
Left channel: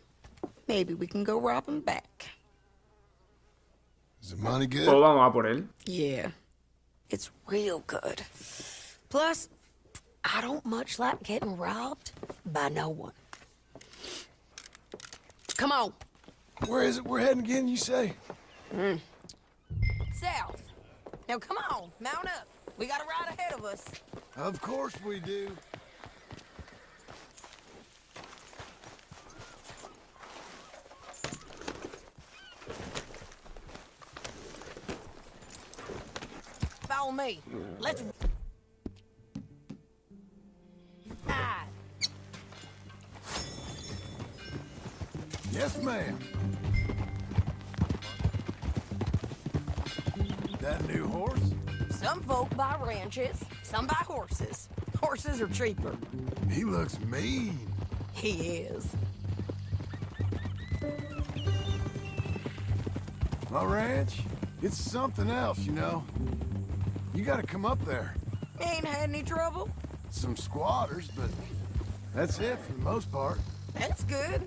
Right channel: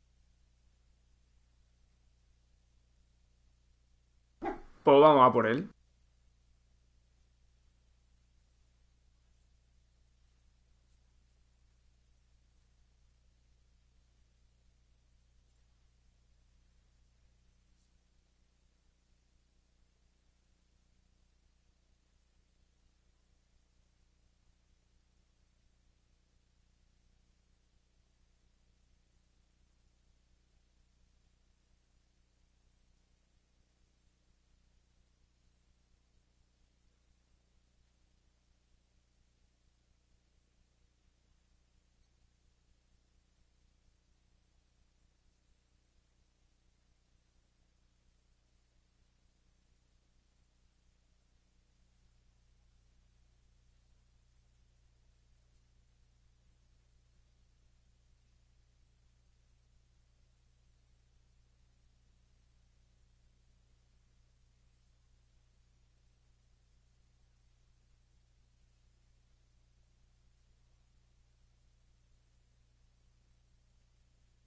maybe we can go rob them back. Is the money good? Pues vamos a por él. Yeah, it's real good. Plus, I don't much like getting robbed by no one. Come on. Where is it we're heading again, you say? South. Now come on, mount up. We got a ride ahead of us. Of course we do. Follow me. Let's... Yes, ma'am. That new horse? Some folk buy ranches, some buy horses. Horses are cheaper. He looks mean. He is. My ranch, it's something else, you know. You gotta come up there. Ain't had any trouble? Some squatters, but that's it for the most part. That's good.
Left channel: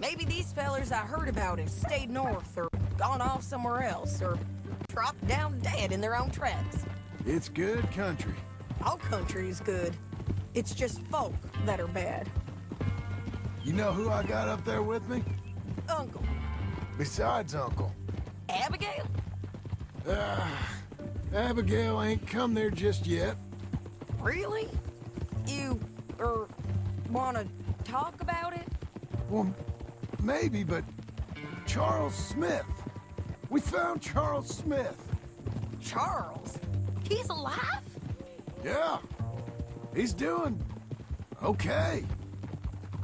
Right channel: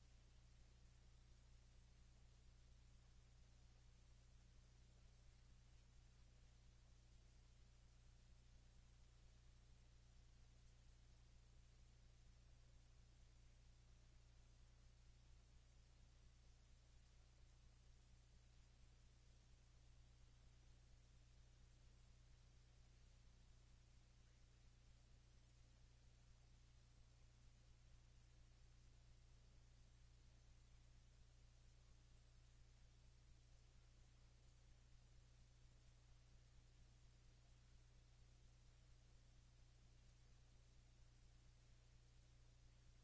Maybe these fellers I heard about have stayed north or gone off somewhere else or dropped down dead in their own tracks. It's good country. All country is good. It's just folk that are bad. You know who I got up there with me? Uncle. Besides Uncle. Abigail? Abigail ain't come there just yet. Really? You, wanna talk about it? Well, maybe, but Charles Smith. We found Charles Smith. Charles? He's alive? Yeah. He's doing okay.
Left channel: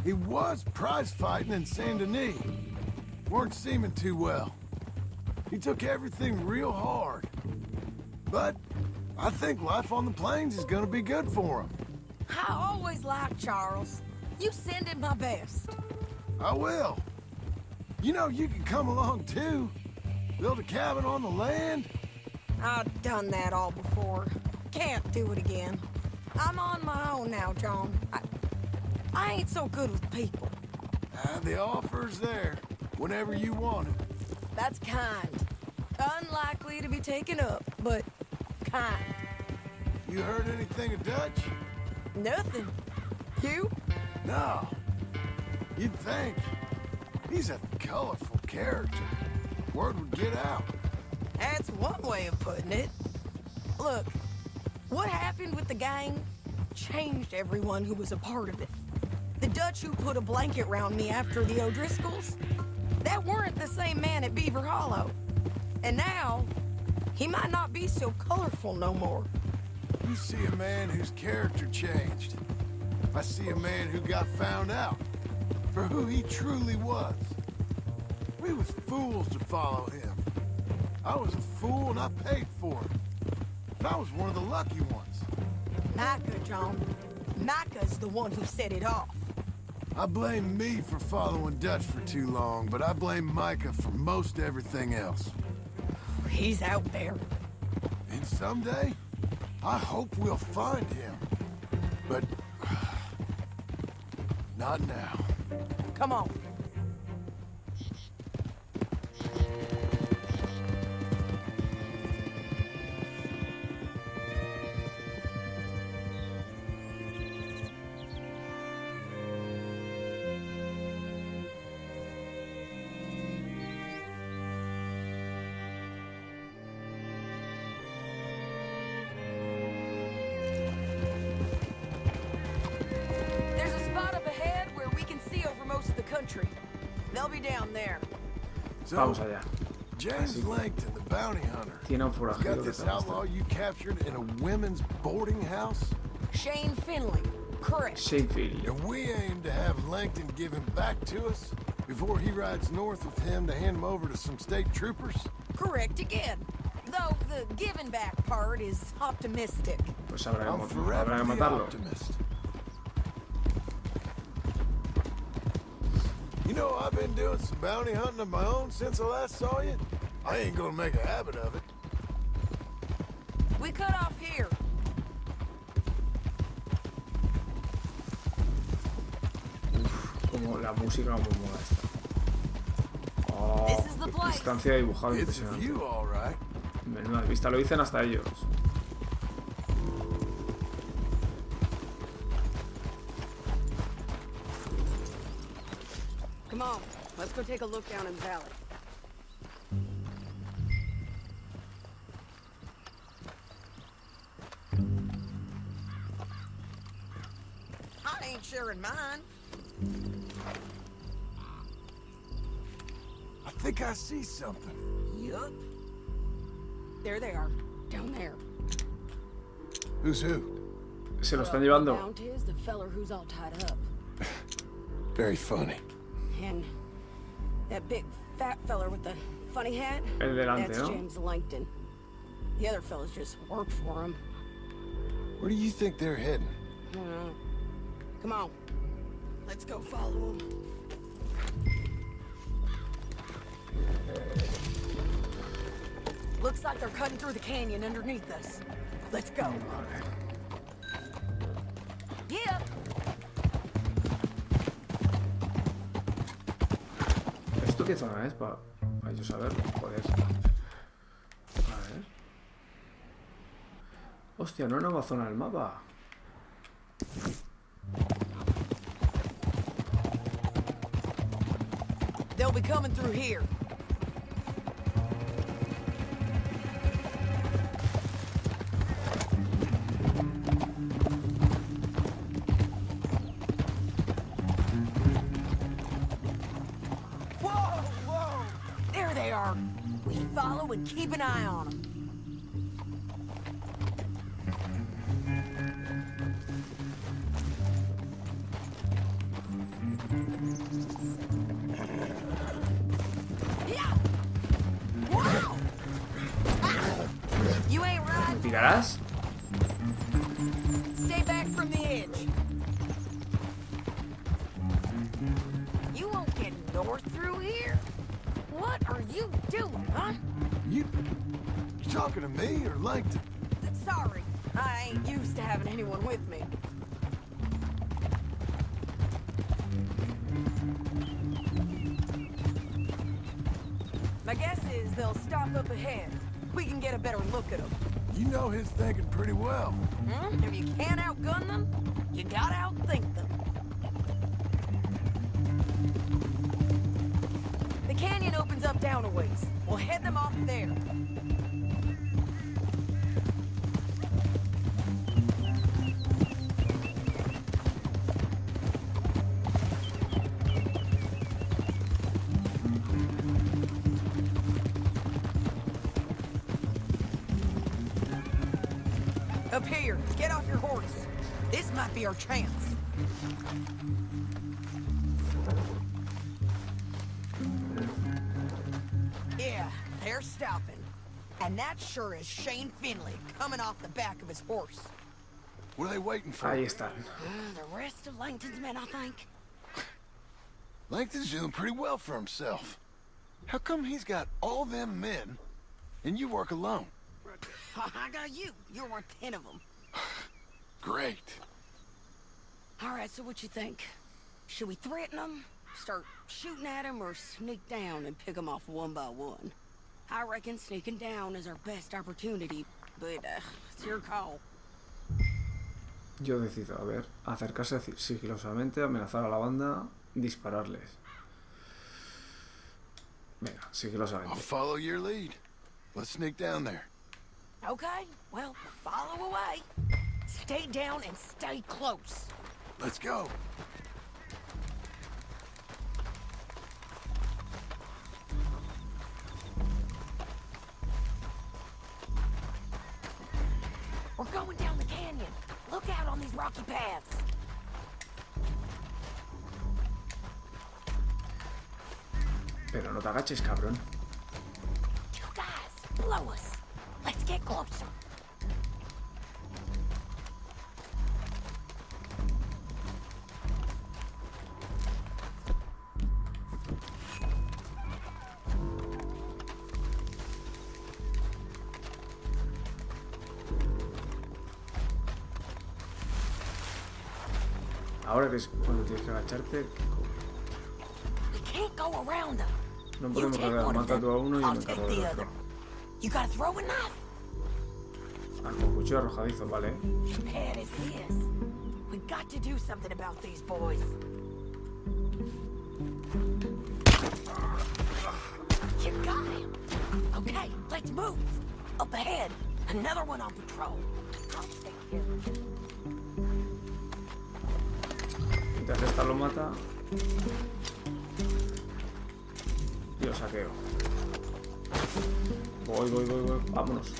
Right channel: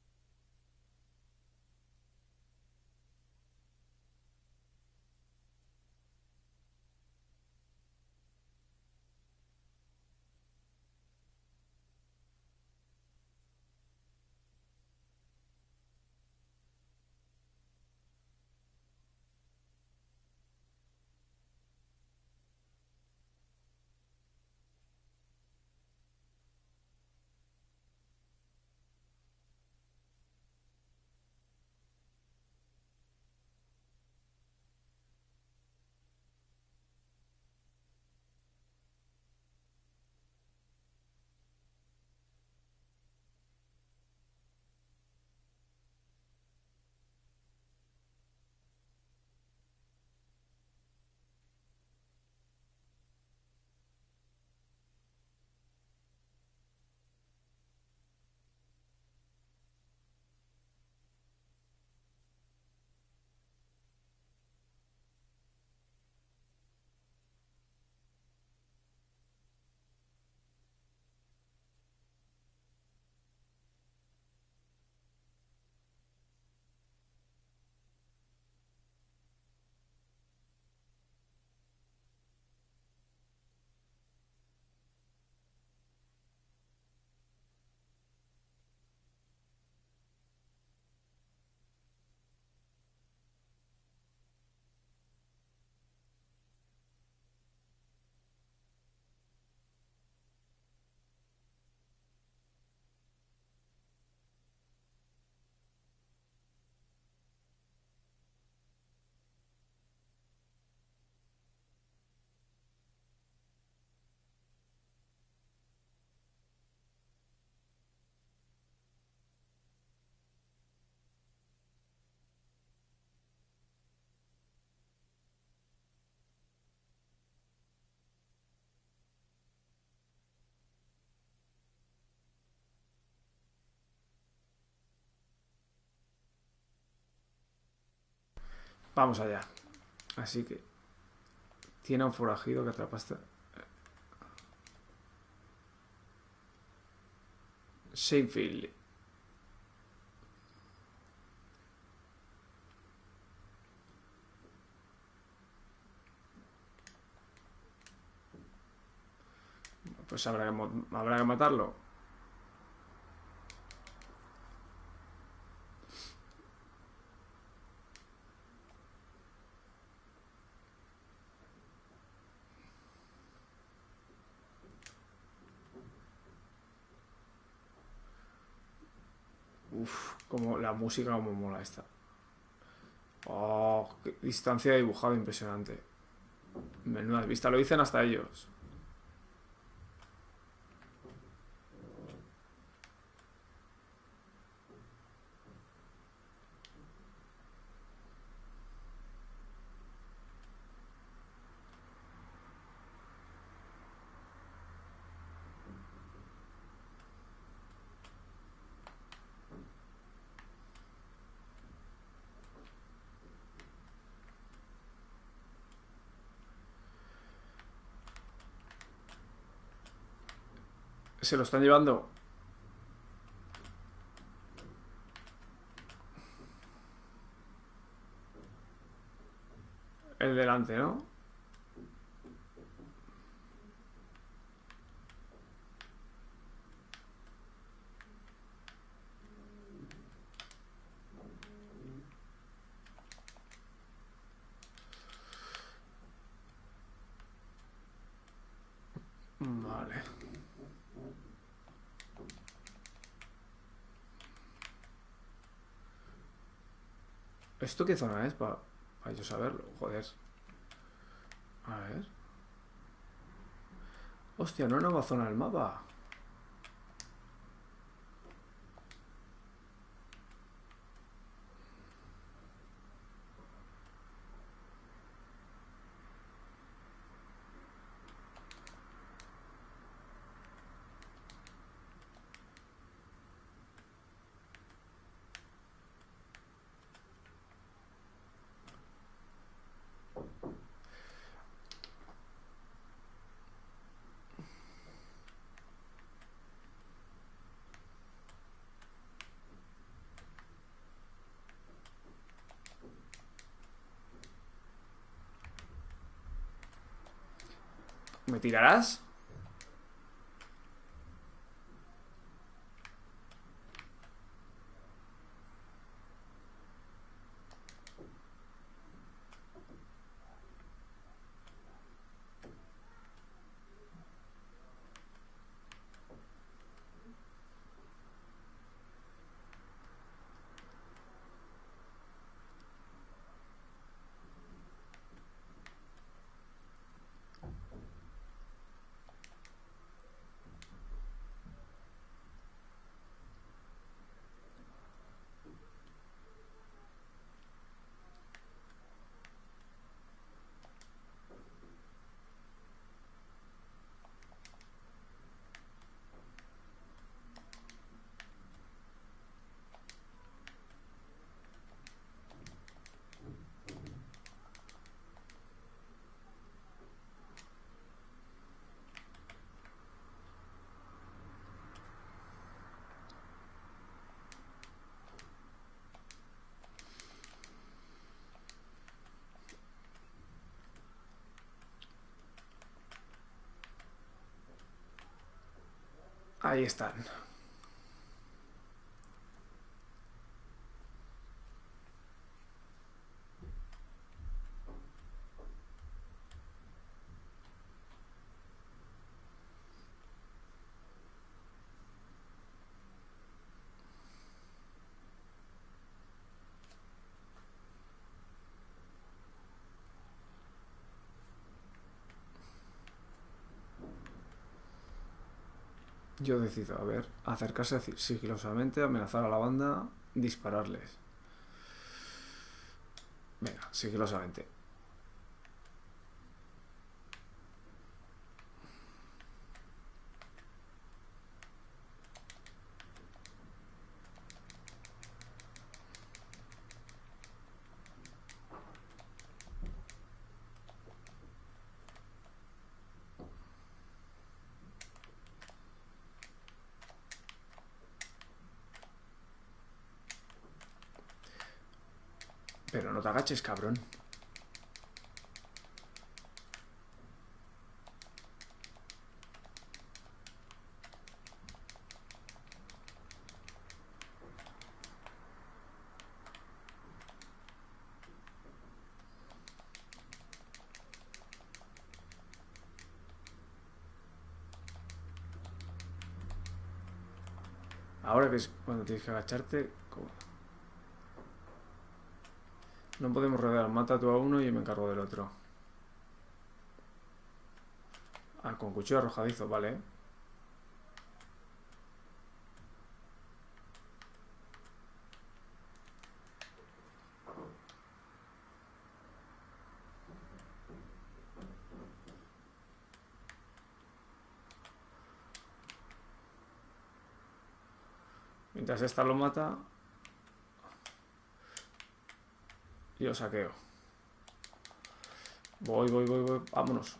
He was prize fighting in Saint Denis. Weren't seeming too well. He took everything real hard. But I think life on the plains is gonna be good for him. I always liked Charles. You send him my best. I will. You know, you can come along too. Build a cabin on the land. I've done that all before. Can't do it again. I'm on my own now, John. I ain't so good with people. The offer's there whenever you want it. That's kind. Unlikely to be taken up, but kind. You heard anything of Dutch? Nothing. You? No. You'd think. He's a colorful character. Word would get out. That's one way of putting it. Look, what happened with the gang changed everyone who was a part of it. The Dutch who put a blanket round me after the O'Driscolls, that weren't the same man at Beaver Hollow. And now, he might not be so colorful no more. You see a man whose character changed. I see a man who got found out for who he truly was. We was fools to follow him. I was a fool and I paid for it. And I was one of the lucky ones. Micah, John. Micah's the one who set it off. I blame me for following Dutch for too long, but I blame Micah for most everything else. He's out there. And someday, I hope we'll find him. But not now. Come on. Vamos allá. Así que tiene un forajido que te apasta. Shane Finley, correct. Shane Finley. And we aim to have Langton give him back to us before he rides north with him to hand him over to some state troopers. Correct again. Though the giving back part is optimistic. Pues habrá que matarlo. You know, I've been doing some bounty hunting of my own since I last saw you. I ain't gonna make a habit of it. We cut off here. Uf, como la música como mola esta. Oh, qué distancia de dibujado impresionante. Menuda vista, lo dicen hasta ellos. Come on, let's go take a look down in the valley. I ain't sharing mine. I think I see something. Yup. There they are, down there. Who's who? Se lo están llevando. Mount is the feller who's all tied up. Very funny. And that big fat feller with the funny hat? El delante, that's ¿no? James Langton. The other fellas just worked for him. Where do you think they're heading? I don't know. Come on. Let's go follow them. Looks like they're cutting through the canyon underneath us. Let's go. Vale. Yeah. ¿Esto qué zona es? Para yo saberlo, joder. A ver. Hostia, una nueva zona del mapa. They'll be coming through here. Follow and keep an eye on them. Yeah. Wow. You ain't right. ¿Me tirarás? Stay back from the edge. You won't get north through here. What are you doing, huh? You talking to me or Langton? Sorry, I ain't used to having anyone with me. My guess is they'll stop up ahead. We can get a better look at them. You know his thinking pretty well. If you can't outgun them, you gotta outthink them. down a ways. We'll head them off there. Up here, get off your horse. This might be our chance. Yeah, they're stopping. And that sure is Shane Finley coming off the back of his horse. What are they waiting for? Ahí están. The rest of Langton's men, I think. Langton's doing pretty well for himself. How come he's got all them men and you work alone? I got you. You're worth 10 of them. Great. All right, so what you think? Should we threaten them, start shooting at them, or sneak down and pick them off one by one? I reckon sneaking down is our best opportunity, but it's your call. Yo decido, a ver, acercarse sigilosamente, amenazar a la banda, dispararles. Venga, I'll sigilosamente. follow your lead. Let's sneak down there. Okay, well, follow away. Stay down and stay close. Let's go. We're going down the canyon. Look out on these rocky paths. Pero no te agaches, cabrón. You guys, blow us. Let's get closer. Ahora que es cuando tienes que agacharte. We can't go around them. No podemos rodear. Mata tú a uno y yo me encargo del otro. You gotta throw a knife. Ah, con cuchillo arrojadizo, vale. Bad as this. We got to do something about these boys. You got him. Okay, let's move. Up ahead, another one on patrol. I'll stay here. Mientras esta lo mata, yo saqueo. Voy. Vámonos.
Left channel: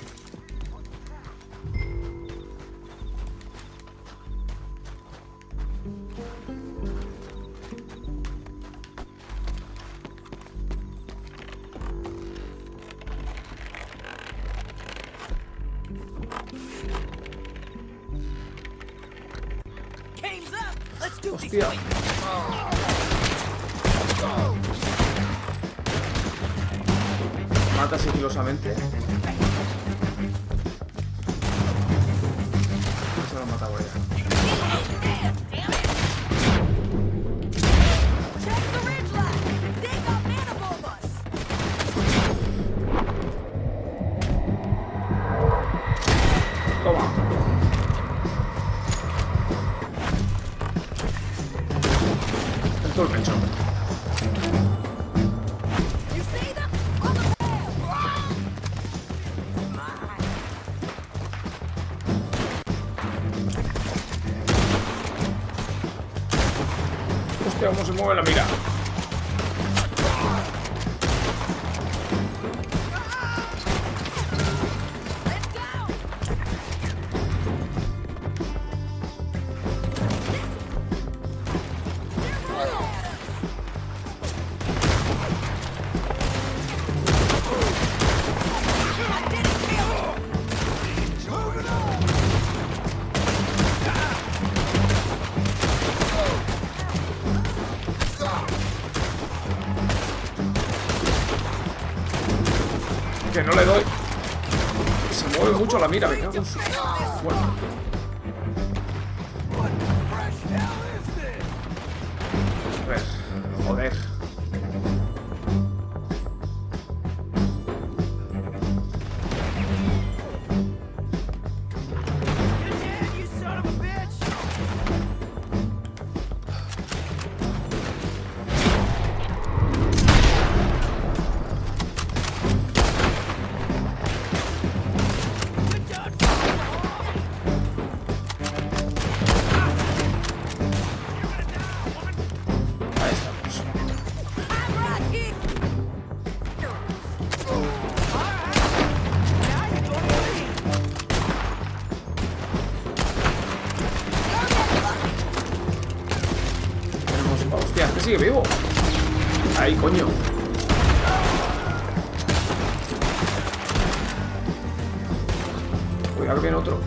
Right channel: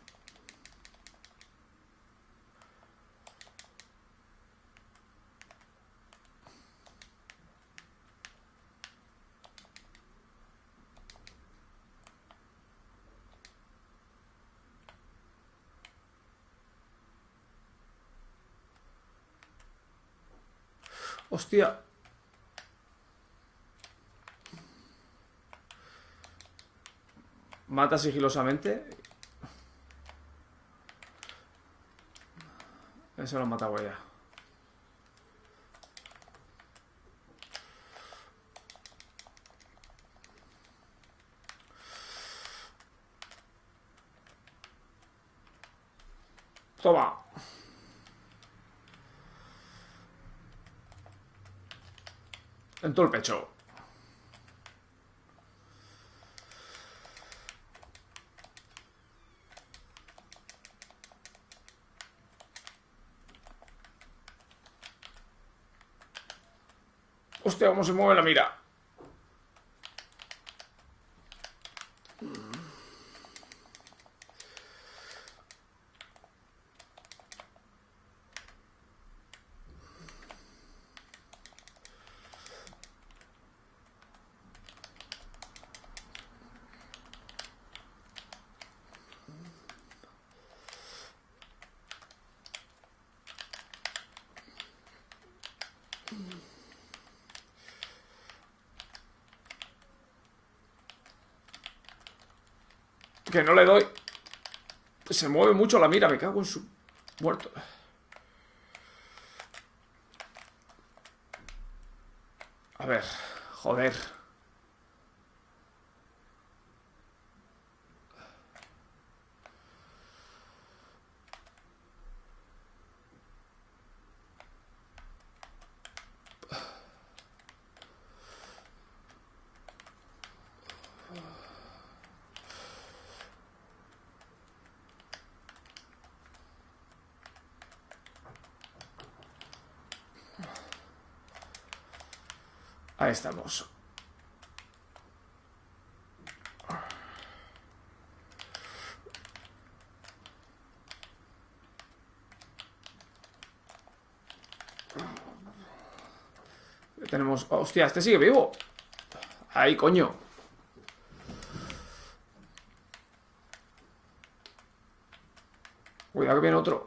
Hostia. Mata sigilosamente. Se lo ha matado ya. Toma. En todo el pecho. Hostia, cómo se mueve la mira. Que no le doy. Se mueve mucho la mira, me cago en su... Bueno. A ver, joder. Ahí estamos. Tenemos... Hostia, este sigue vivo. Ahí, coño. Cuidado que viene otro.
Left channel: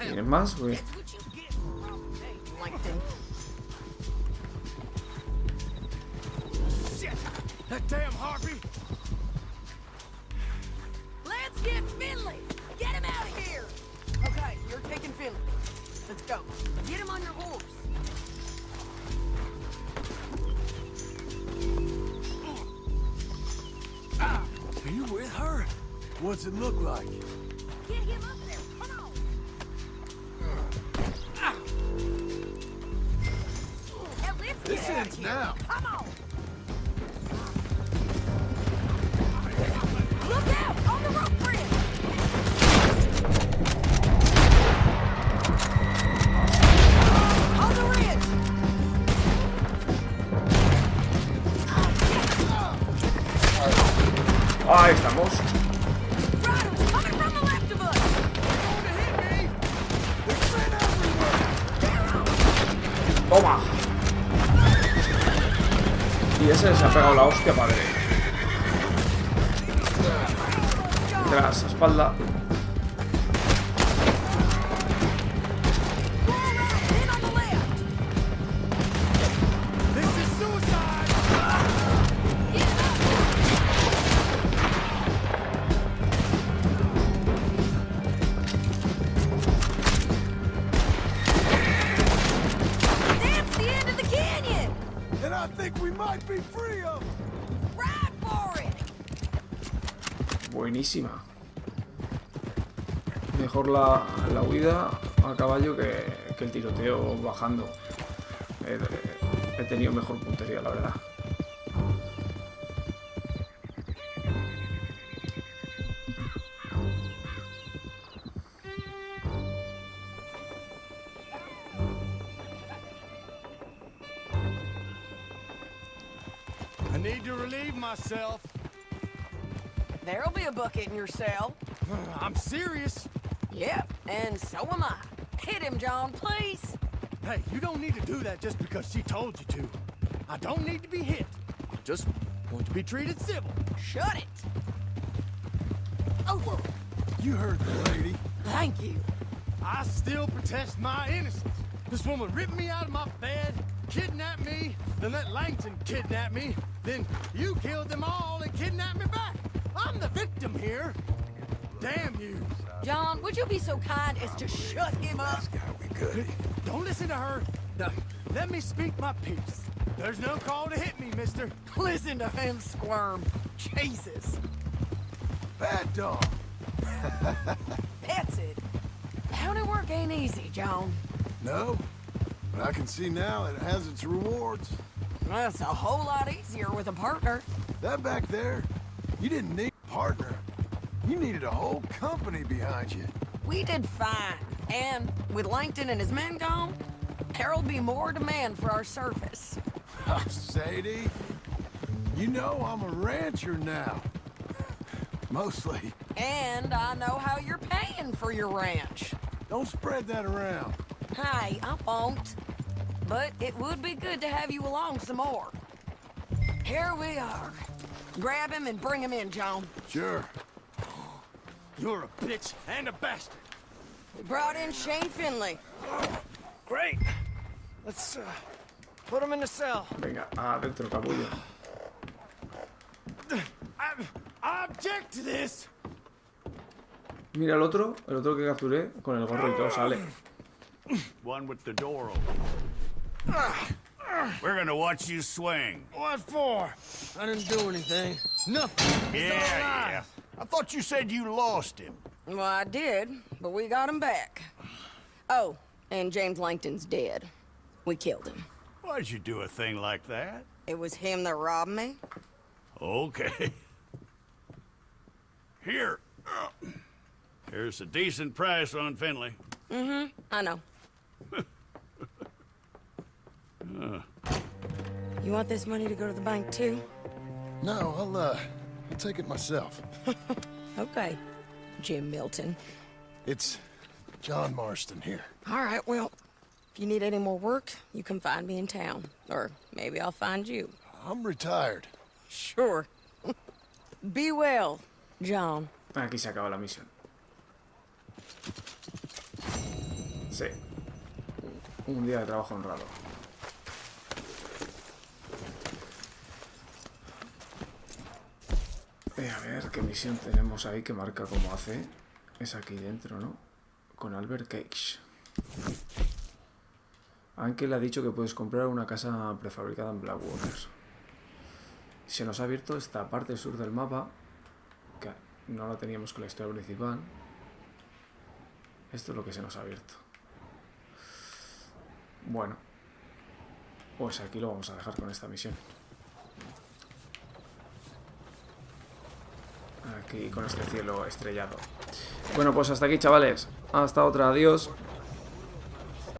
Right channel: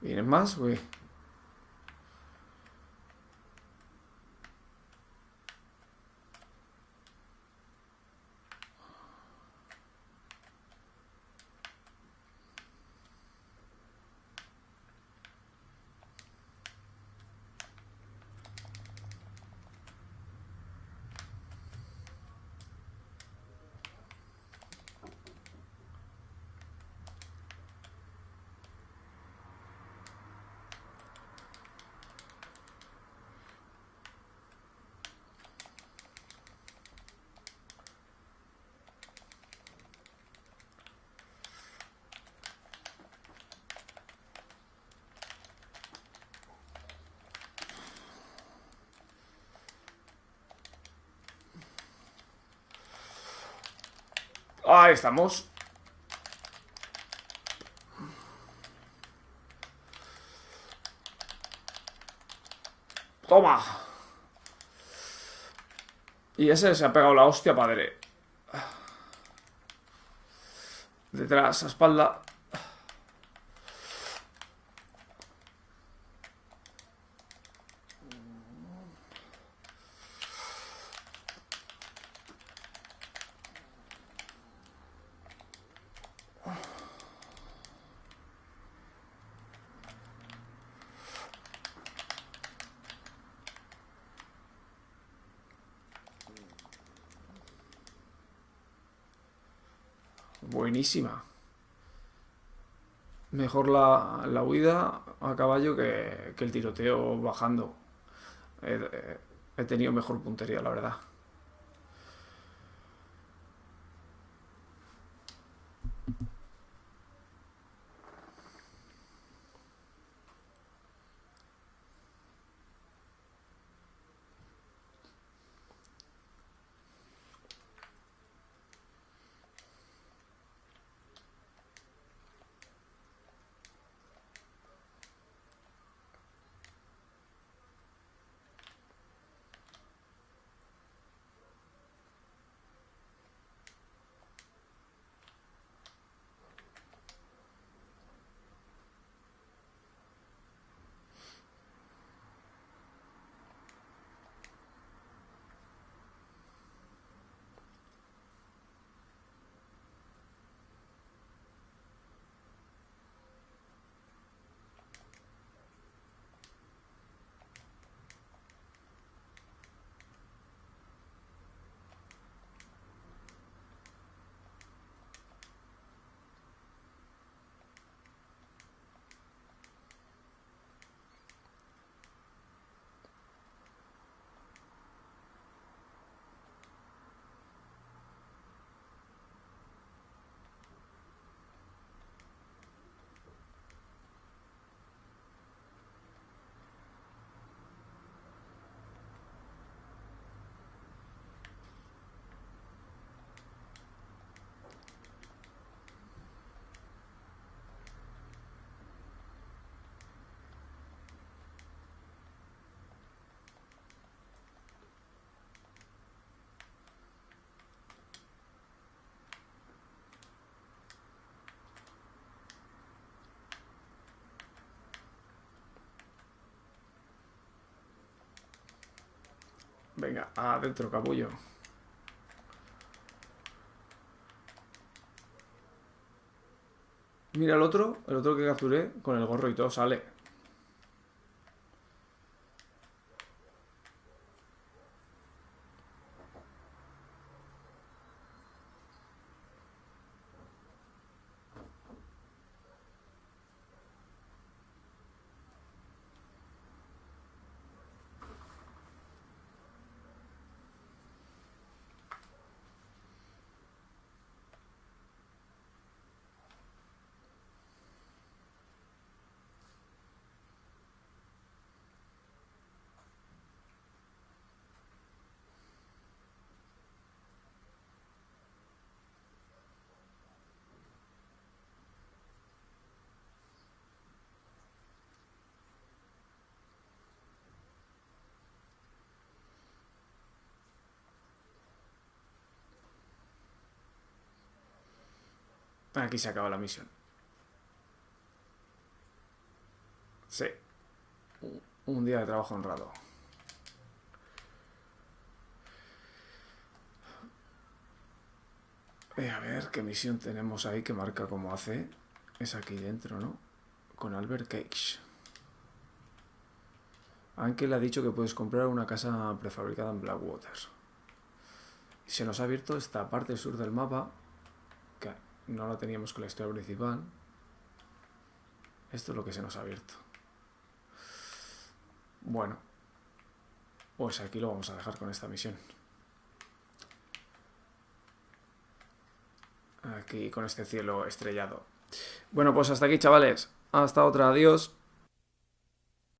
¿Tienes más, güey? Let's get Finley. Get him out of here. Okay, you're taking Finley. Let's go. Get him on your horse. Are you with her? What's it look like? Get him up there. Come on. Now let's This get out ends of here. now. Come on. Look out on the rope bridge. On the ridge. Ahí estamos. Toma. Y ese se ha pegado la hostia padre. Detrás, a espalda. Buenísima. Mejor la huida a caballo que el tiroteo bajando. He tenido mejor puntería, la verdad. I need to relieve myself. There'll be a bucket in your cell. I'm serious. Yep, and so am I. Hit him, John, please. Hey, you don't need to do that just because she told you to. I don't need to be hit. I just want to be treated civil. Shut it. Oh, You heard the lady. thank you. I still protest my innocence. This woman ripped me out of my bed, kidnapped me, then let Langton kidnap me, then you killed them all and kidnapped me back. I'm the victim here. Damn you. John, would you be so kind as to shut him up? Don't listen to her. Now, let me speak my piece. There's no call to hit me, mister. Listen to him squirm. Jesus. Bad dog. That's it. County work ain't easy, John. No, but I can see now it has its rewards. That's a whole lot easier with a partner. That back there, you didn't need a partner. You needed a whole company behind you. We did fine. And with Langton and his men gone, there'll be more demand for our service. Sadie, you know I'm a rancher now. Mostly. And I know how you're paying for your ranch. Don't spread that around. Hey, I won't. But it would be good to have you along some more. Here we are. Grab him and bring him in, John. Sure. You're a bitch and a bastard. We brought in Shane Finley. Great. Let's put him in the cell. Venga, adentro, capullo. I object to this. Mira el otro que capturé, con el gorro y todo sale. One with the door open. We're gonna watch you swing. What for? I didn't do anything. Nothing. Yeah. I thought you said you lost him. Well, I did, but we got him back. Oh, and James Langton's dead. We killed him. Why'd you do a thing like that? It was him that robbed me. Okay. Here. Here's a decent price on Finley. Mm-hmm, I know. You want this money to go to the bank, too? No, I'll take it myself. Okay, Jim Milton. It's John Marston here. All right, well, if you need any more work, you can find me in town. Or maybe I'll find you. I'm retired. Sure. Be well, John. Aquí se acaba la misión. Sí. Un día de trabajo honrado. A ver qué misión tenemos ahí que marca cómo hace. Es aquí dentro, ¿no? Con Albert Cage. Ángel ha dicho que puedes comprar una casa prefabricada en Blackwater. Se nos ha abierto esta parte sur del mapa, que no la teníamos con la historia principal. Esto es lo que se nos ha abierto. Bueno, pues aquí lo vamos a dejar con esta misión. Aquí con este cielo estrellado. Bueno, pues hasta aquí, chavales. Hasta otra, adiós.